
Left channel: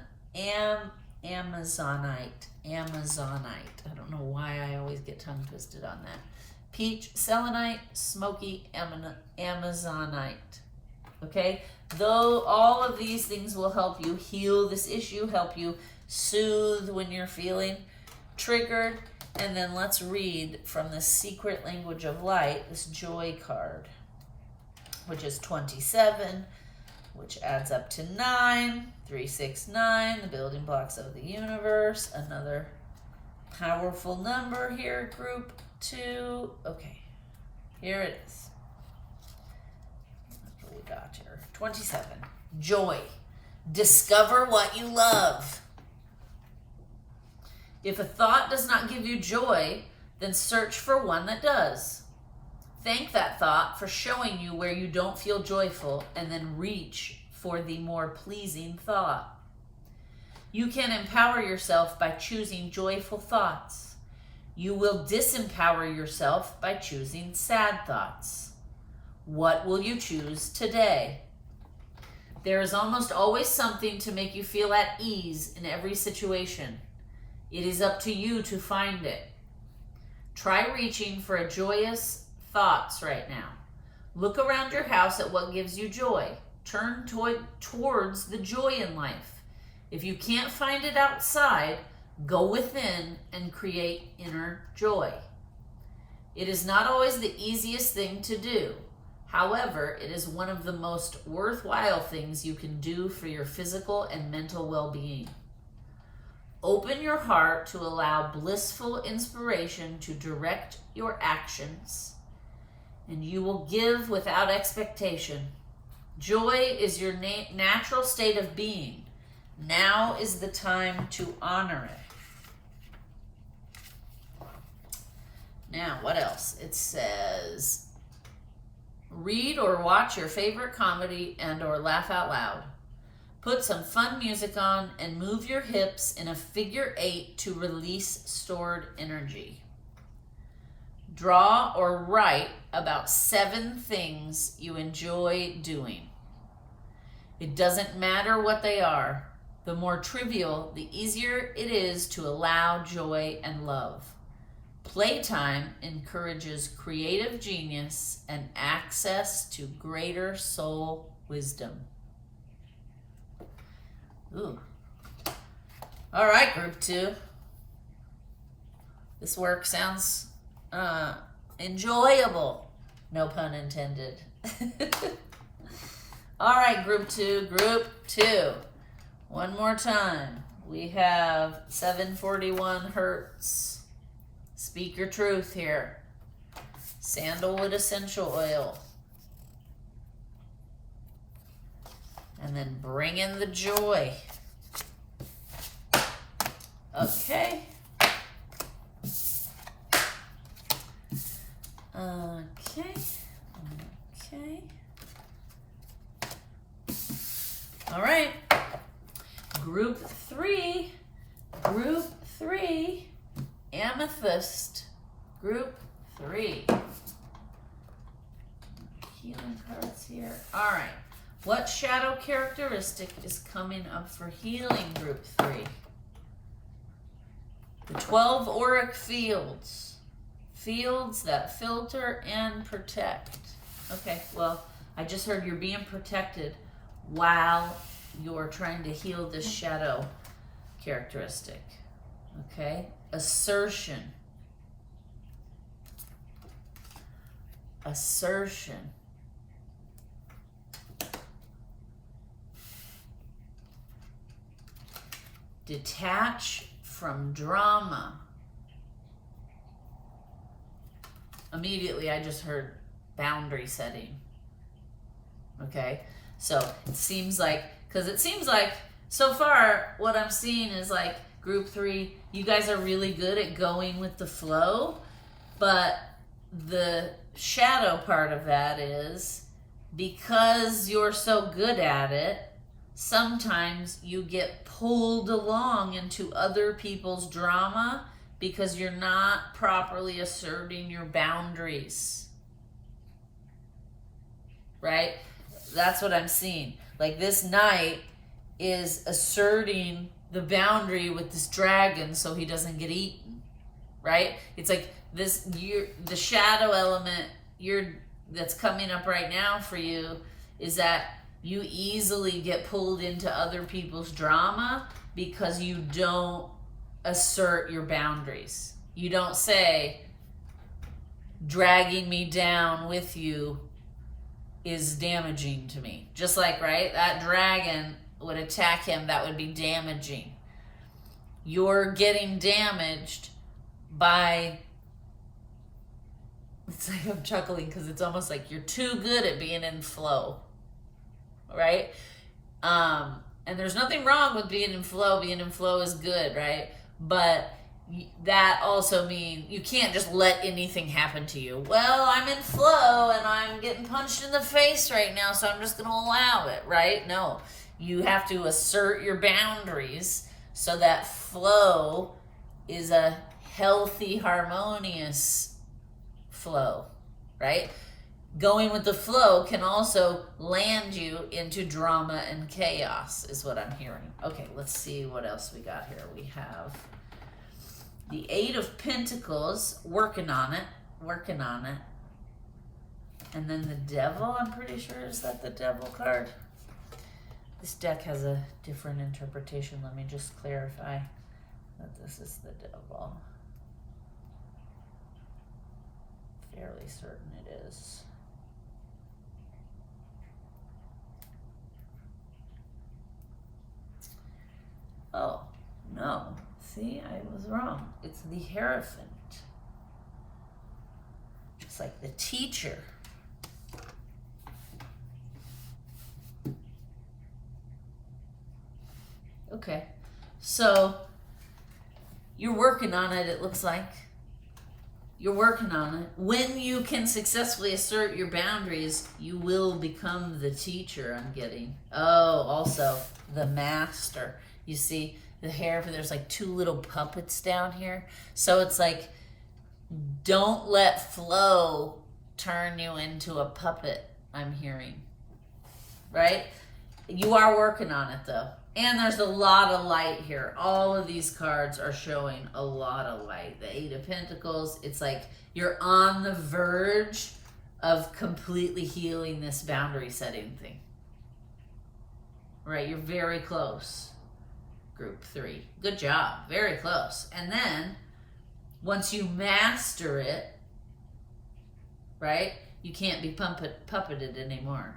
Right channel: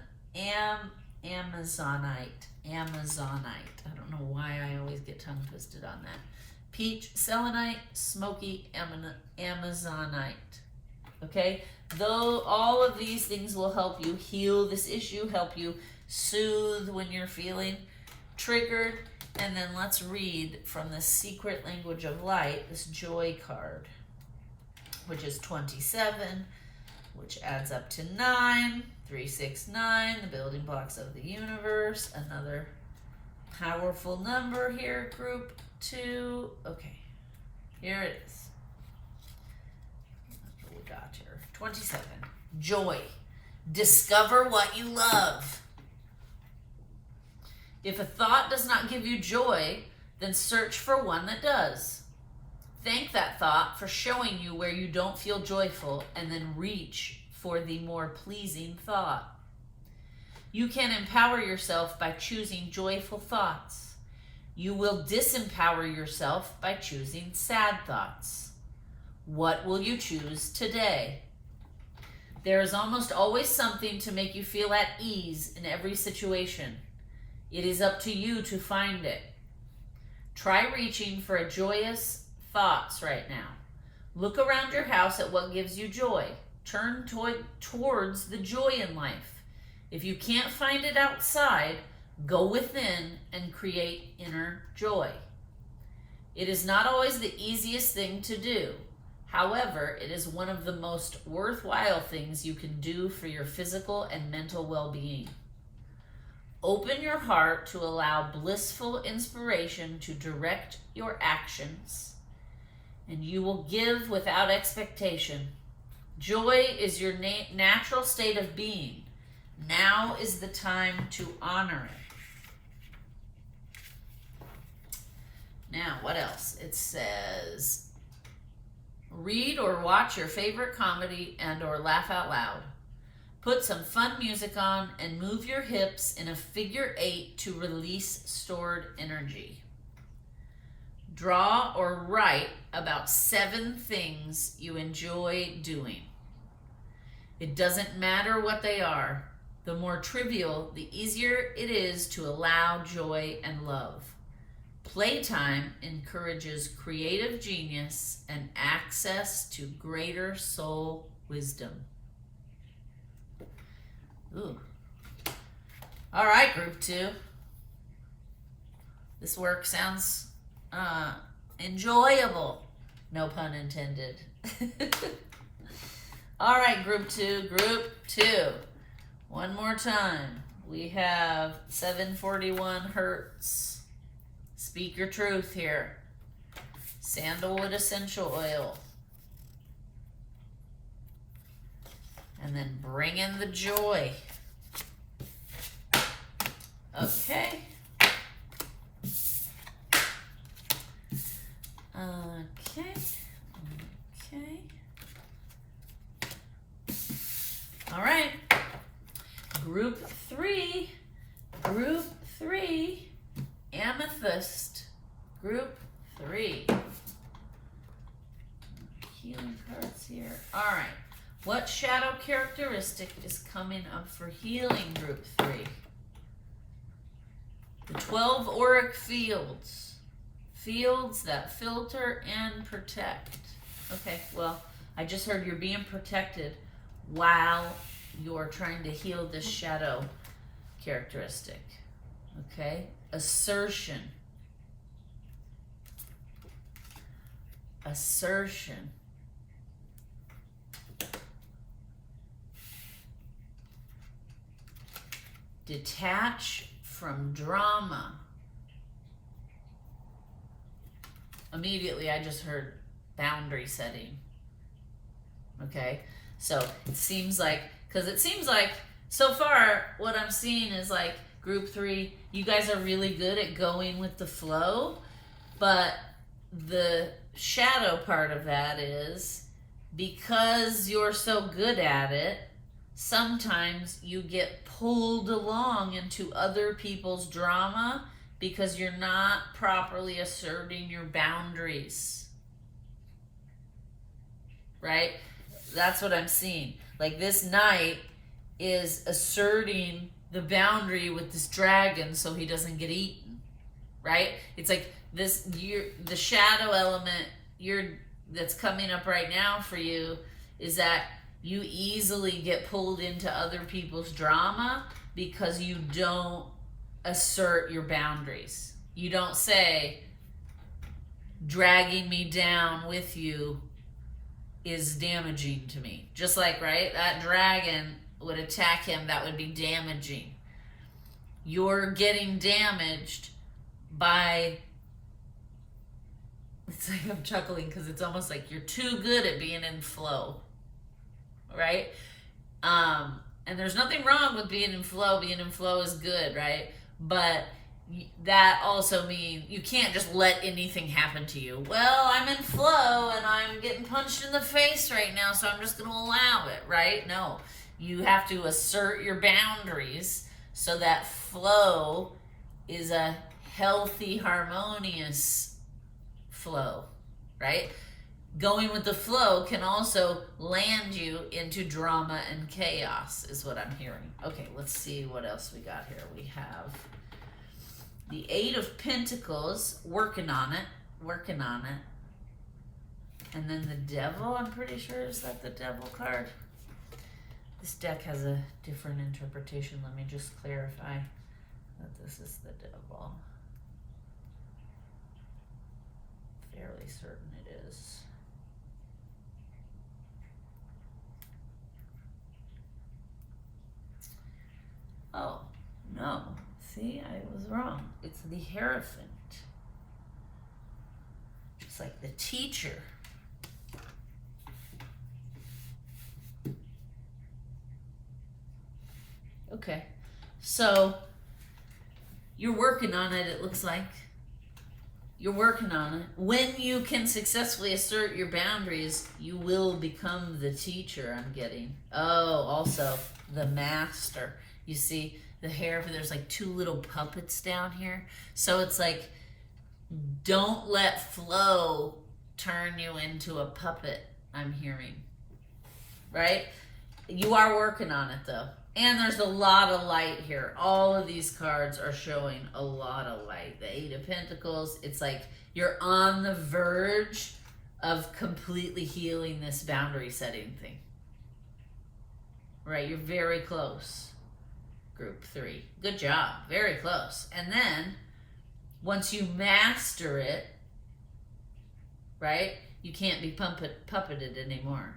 I don't know why I always get tongue twisted on that. Peach, selenite, smoky amazonite. Okay? Though all of these things will help you heal this issue, help you soothe when you're feeling triggered. And then let's read from the Secret Language of Light, this joy card, which is 27, which adds up to 9, 3, 6, 9, the building blocks of the universe. Another powerful number here, group 2. Okay, here it is. What we got here? 27. Joy. Discover what you love. If a thought does not give you joy, then search for one that does. Thank that thought for showing you where you don't feel joyful, and then reach for the more pleasing thought. You can empower yourself by choosing joyful thoughts. You will disempower yourself by choosing sad thoughts. What will you choose today? There is almost always something to make you feel at ease in every situation. It is up to you to find it. Try reaching for a joyous thoughts right now. Look around your house at what gives you joy. Turn towards the joy in life. If you can't find it outside, go within and create inner joy. It is not always the easiest thing to do. However, it is one of the most worthwhile things you can do for your physical and mental well-being. Open your heart to allow blissful inspiration to direct your actions, and you will give without expectation. Joy is your natural state of being. Now is the time to honor it. Now, what else? It says, read or watch your favorite comedy and or laugh out loud. Put some fun music on and move your hips in a figure 8 to release stored energy. Draw or write about 7 things you enjoy doing. It doesn't matter what they are. The more trivial, the easier it is to allow joy and love. Playtime encourages creative genius and access to greater soul wisdom. Ooh. All right, group 2. This work sounds enjoyable. No pun intended. All right, group 2. Group 2. One more time. We have 741 hertz. Speak your truth here. Sandalwood essential oil. And then bring in the joy. Okay. Okay. All right. Group 3. Group 3. Amethyst. Group 3. Healing cards here. All right. What shadow characteristic is coming up for healing group 3? The 12 auric fields. Fields that filter and protect. Okay, well, I just heard you're being protected while you're trying to heal this shadow characteristic. Okay? Assertion. Assertion. Detach from drama. immediately I just heard boundary setting. Okay, so it seems like, so far what I'm seeing is like group 3, you guys are really good at going with the flow, but the shadow part of that is because you're so good at it, sometimes you get pulled along into other people's drama because you're not properly asserting your boundaries. Right? That's what I'm seeing. Like this knight is asserting the boundary with this dragon so he doesn't get eaten. Right? It's like this, the shadow element that's coming up right now for you is that you easily get pulled into other people's drama because you don't assert your boundaries. You don't say, dragging me down with you is damaging to me. Just like, right, that dragon would attack him, that would be damaging. You're getting damaged by, it's like I'm chuckling because it's almost like you're too good at being in flow, right? And there's nothing wrong with being in flow. Being in flow is good, right? But that also means you can't just let anything happen to you. Well, I'm in flow and I'm getting punched in the face right now, so I'm just going to allow it, right? No, you have to assert your boundaries so that flow is a healthy, harmonious flow, right? Going with the flow can also land you into drama and chaos, is what I'm hearing. Okay, let's see what else we got here. We have the 8 of Pentacles, working on it. And then the Devil, I'm pretty sure, is that the Devil card? This deck has a different interpretation. Let me just clarify that this is the Devil. Fairly certain it is. Oh, no. See, I was wrong. It's the Hierophant. It's like the teacher. Okay. So, you're working on it, it looks like. You're working on it. When you can successfully assert your boundaries, you will become the teacher, I'm getting. Oh, also, the master. You see, the hair, there's like 2 little puppets down here. So it's like, don't let flow turn you into a puppet, I'm hearing. Right? You are working on it though. And there's a lot of light here. All of these cards are showing a lot of light. The 8 of Pentacles, it's like you're on the verge of completely healing this boundary setting thing. Right? You're very close. Group 3. Good job. Very close. And then, once you master it, right, you can't be puppeted anymore.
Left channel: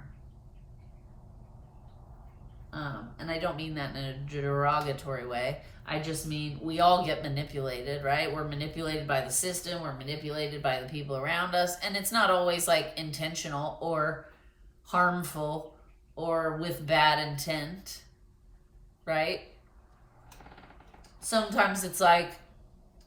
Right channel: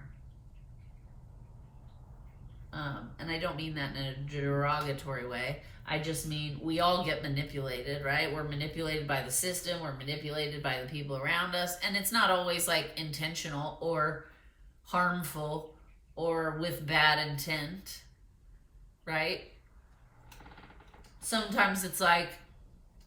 And I don't mean that in a derogatory way. I just mean we all get manipulated, right? We're manipulated by the system. We're manipulated by the people around us. And it's not always like intentional or harmful or with bad intent, right? Sometimes it's like,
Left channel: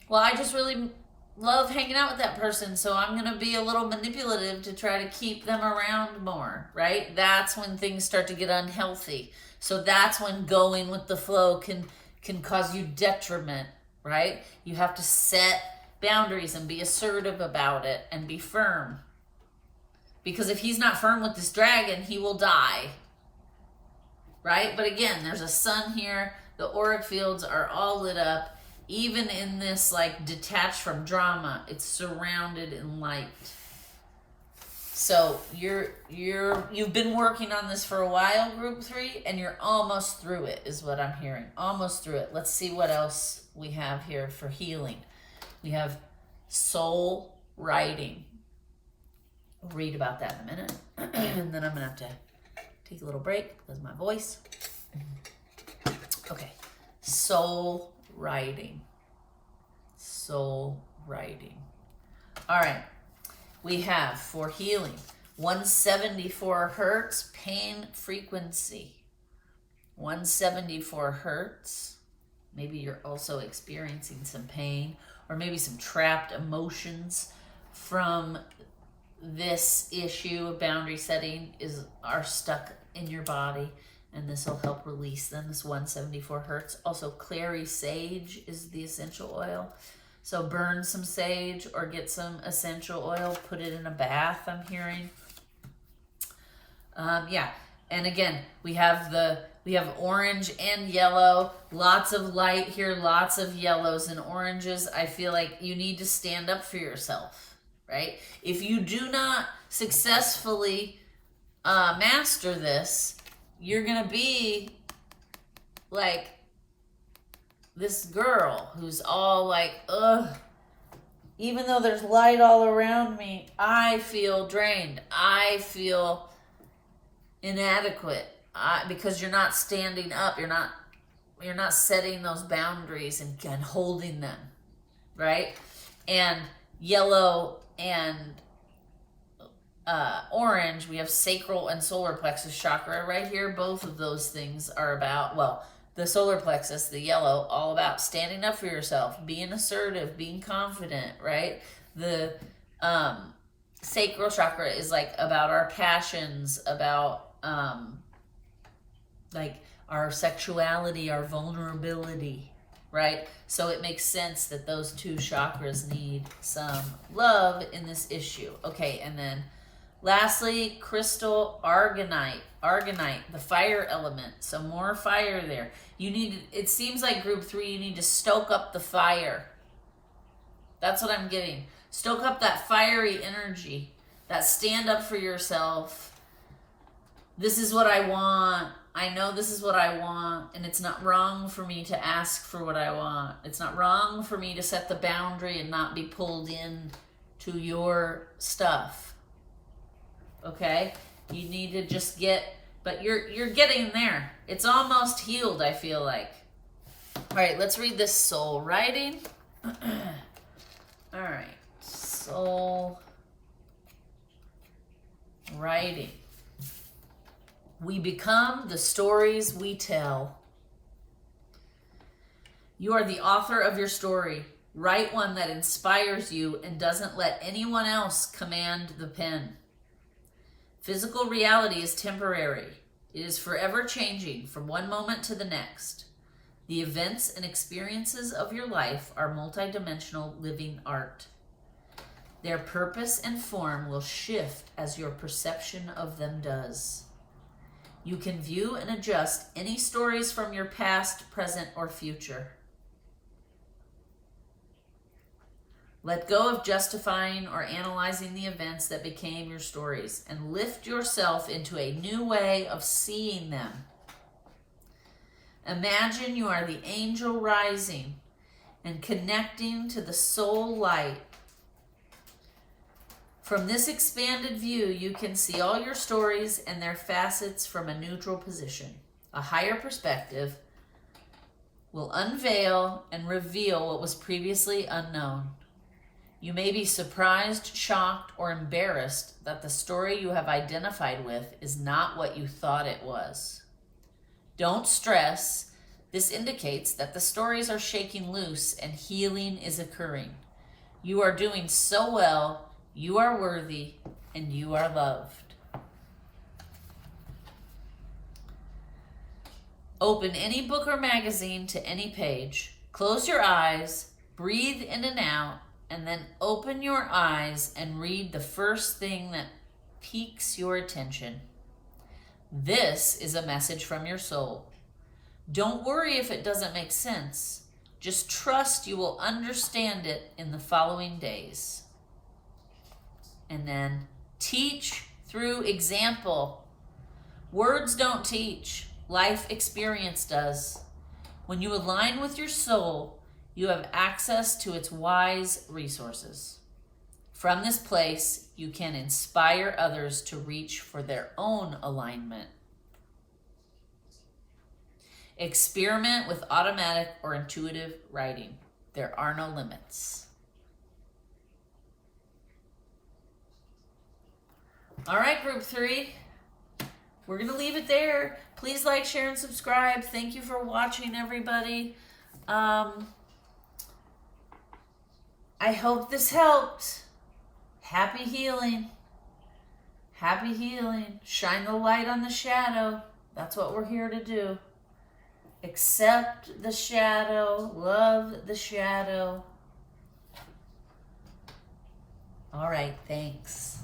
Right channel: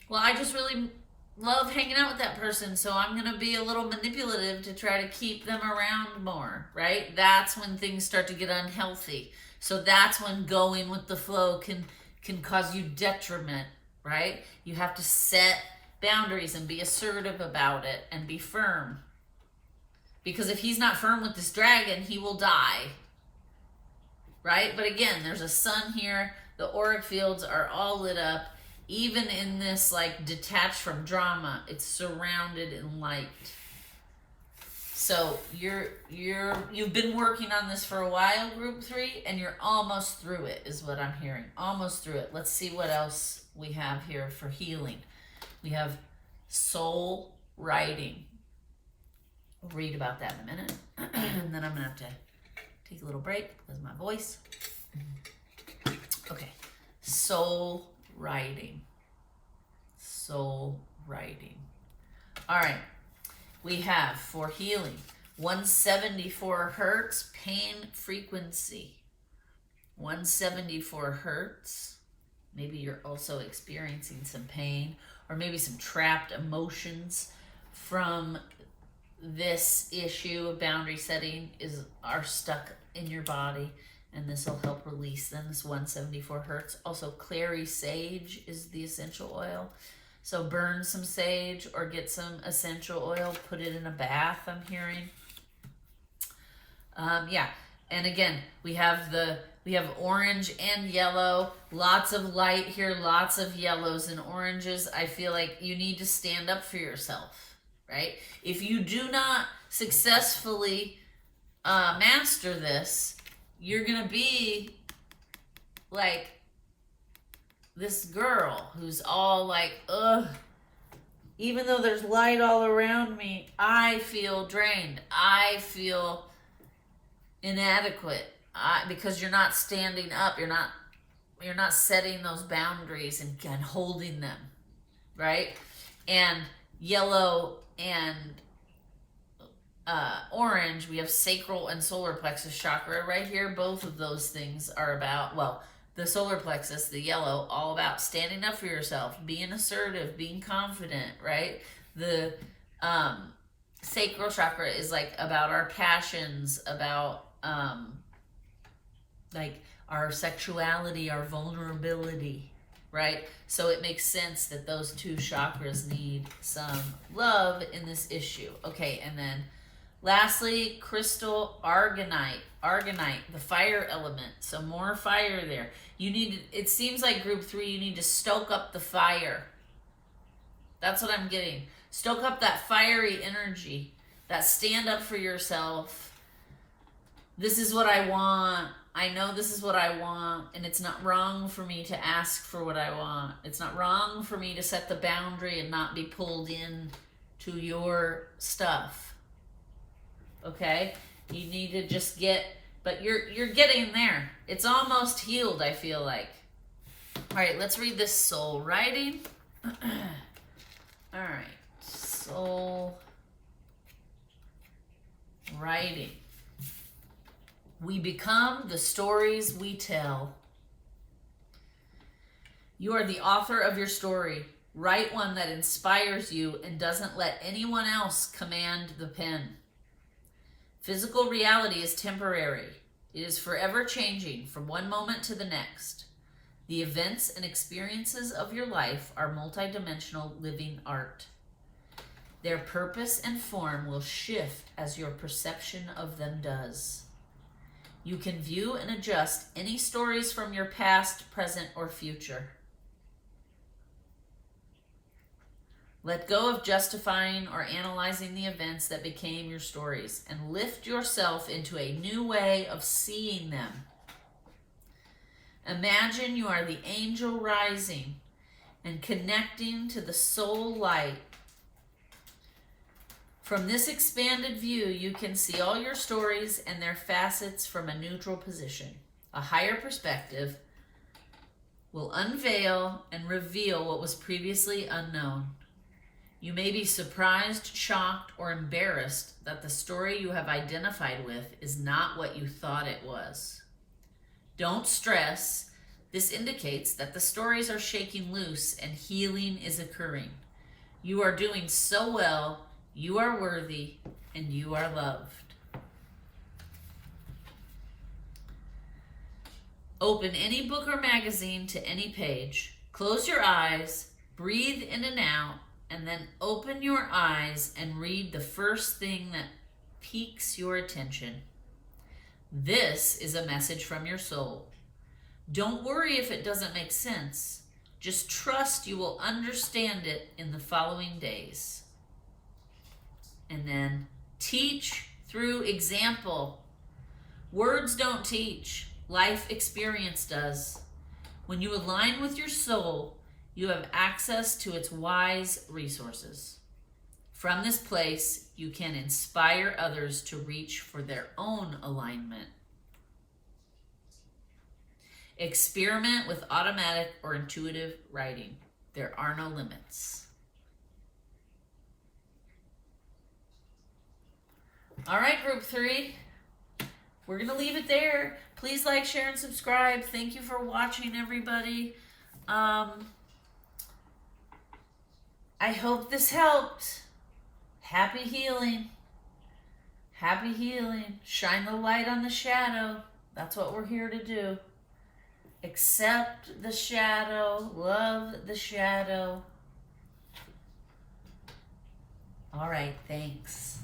well, I just really love hanging out with that person, so I'm going to be a little manipulative to try to keep them around more, right? That's when things start to get unhealthy. So that's when going with the flow can cause you detriment, right? You have to set boundaries and be assertive about it and be firm. Because if he's not firm with this dragon, he will die, right? But again, there's a sun here. The auric fields are all lit up. Even in this like detached from drama, it's surrounded in light. So you've been working on this for a while, group 3, and you're almost through it, is what I'm hearing. Almost through it. Let's see what else we have here for healing. We have soul writing. We'll read about that in a minute. And then I'm gonna have to take a little break because of my voice. Okay, soul writing. Soul writing. All right. we have for healing 174 hertz pain frequency. 174 hertz. Maybe you're also experiencing some pain or maybe some trapped emotions from this issue of boundary setting are stuck in your body, and this will help release them. This 174 hertz. Also, clary sage is the essential oil. So burn some sage or get some essential oil, put it in a bath, I'm hearing. Yeah, and again, we have orange and yellow, lots of light here, lots of yellows and oranges. I feel like you need to stand up for yourself, right? If you do not successfully master this, you're gonna be like this girl who's all like, ugh, even though there's light all around me, I feel drained. I feel inadequate because you're not standing up. You're not setting those boundaries and holding them, right? And yellow and orange, we have sacral and solar plexus chakra right here. Both of those things are about, well, the solar plexus, the yellow, all about standing up for yourself, being assertive, being confident, right? The sacral chakra is like about our passions, about like our sexuality, our vulnerability, right? So it makes sense that those two chakras need some love in this issue. Okay, and then lastly, crystal argonite, the fire element. So more fire there. You need, it seems like group 3, you need to stoke up the fire. That's what I'm getting. Stoke up that fiery energy, that stand up for yourself. This is what I want. I know this is what I want, and it's not wrong for me to ask for what I want. It's not wrong for me to set the boundary and not be pulled in to your stuff. Okay? You need to just get, but you're getting there. It's almost healed, I feel like. All right, let's read this soul writing. All right, soul writing. We become the stories we tell. You are the author of your story. Write one that inspires you and doesn't let anyone else command the pen. Physical reality is temporary. It is forever changing from one moment to the next. The events and experiences of your life are multidimensional living art. Their purpose and form will shift as your perception of them does. You can view and adjust any stories from your past, present, or future. Let go of justifying or analyzing the events that became your stories and lift yourself into a new way of seeing them. Imagine you are the angel rising and connecting to the soul light. From this expanded view, you can see all your stories and their facets from a neutral position. A higher perspective will unveil and reveal what was previously unknown. You may be surprised, shocked, or embarrassed that the story you have identified with is not what you thought it was. Don't stress. This indicates that the stories are shaking loose and healing is occurring. You are doing so well. You are worthy, and you are loved. Open any book or magazine to any page. Close your eyes, breathe in and out, and then open your eyes and read the first thing that piques your attention. This is a message from your soul. Don't worry if it doesn't make sense. Just trust you will understand it in the following days. And then teach through example. Words don't teach. Life experience does. When you align with your soul, you have access to its wise resources. From this place, you can inspire others to reach for their own alignment. Experiment with automatic or intuitive writing. There are no limits. All right, group 3. We're going to leave it there. Please like, share, and subscribe. Thank you for watching, everybody. I hope this helped. Happy healing. Happy healing. Shine the light on the shadow. That's what we're here to do. Accept the shadow. Love the shadow. All right, thanks.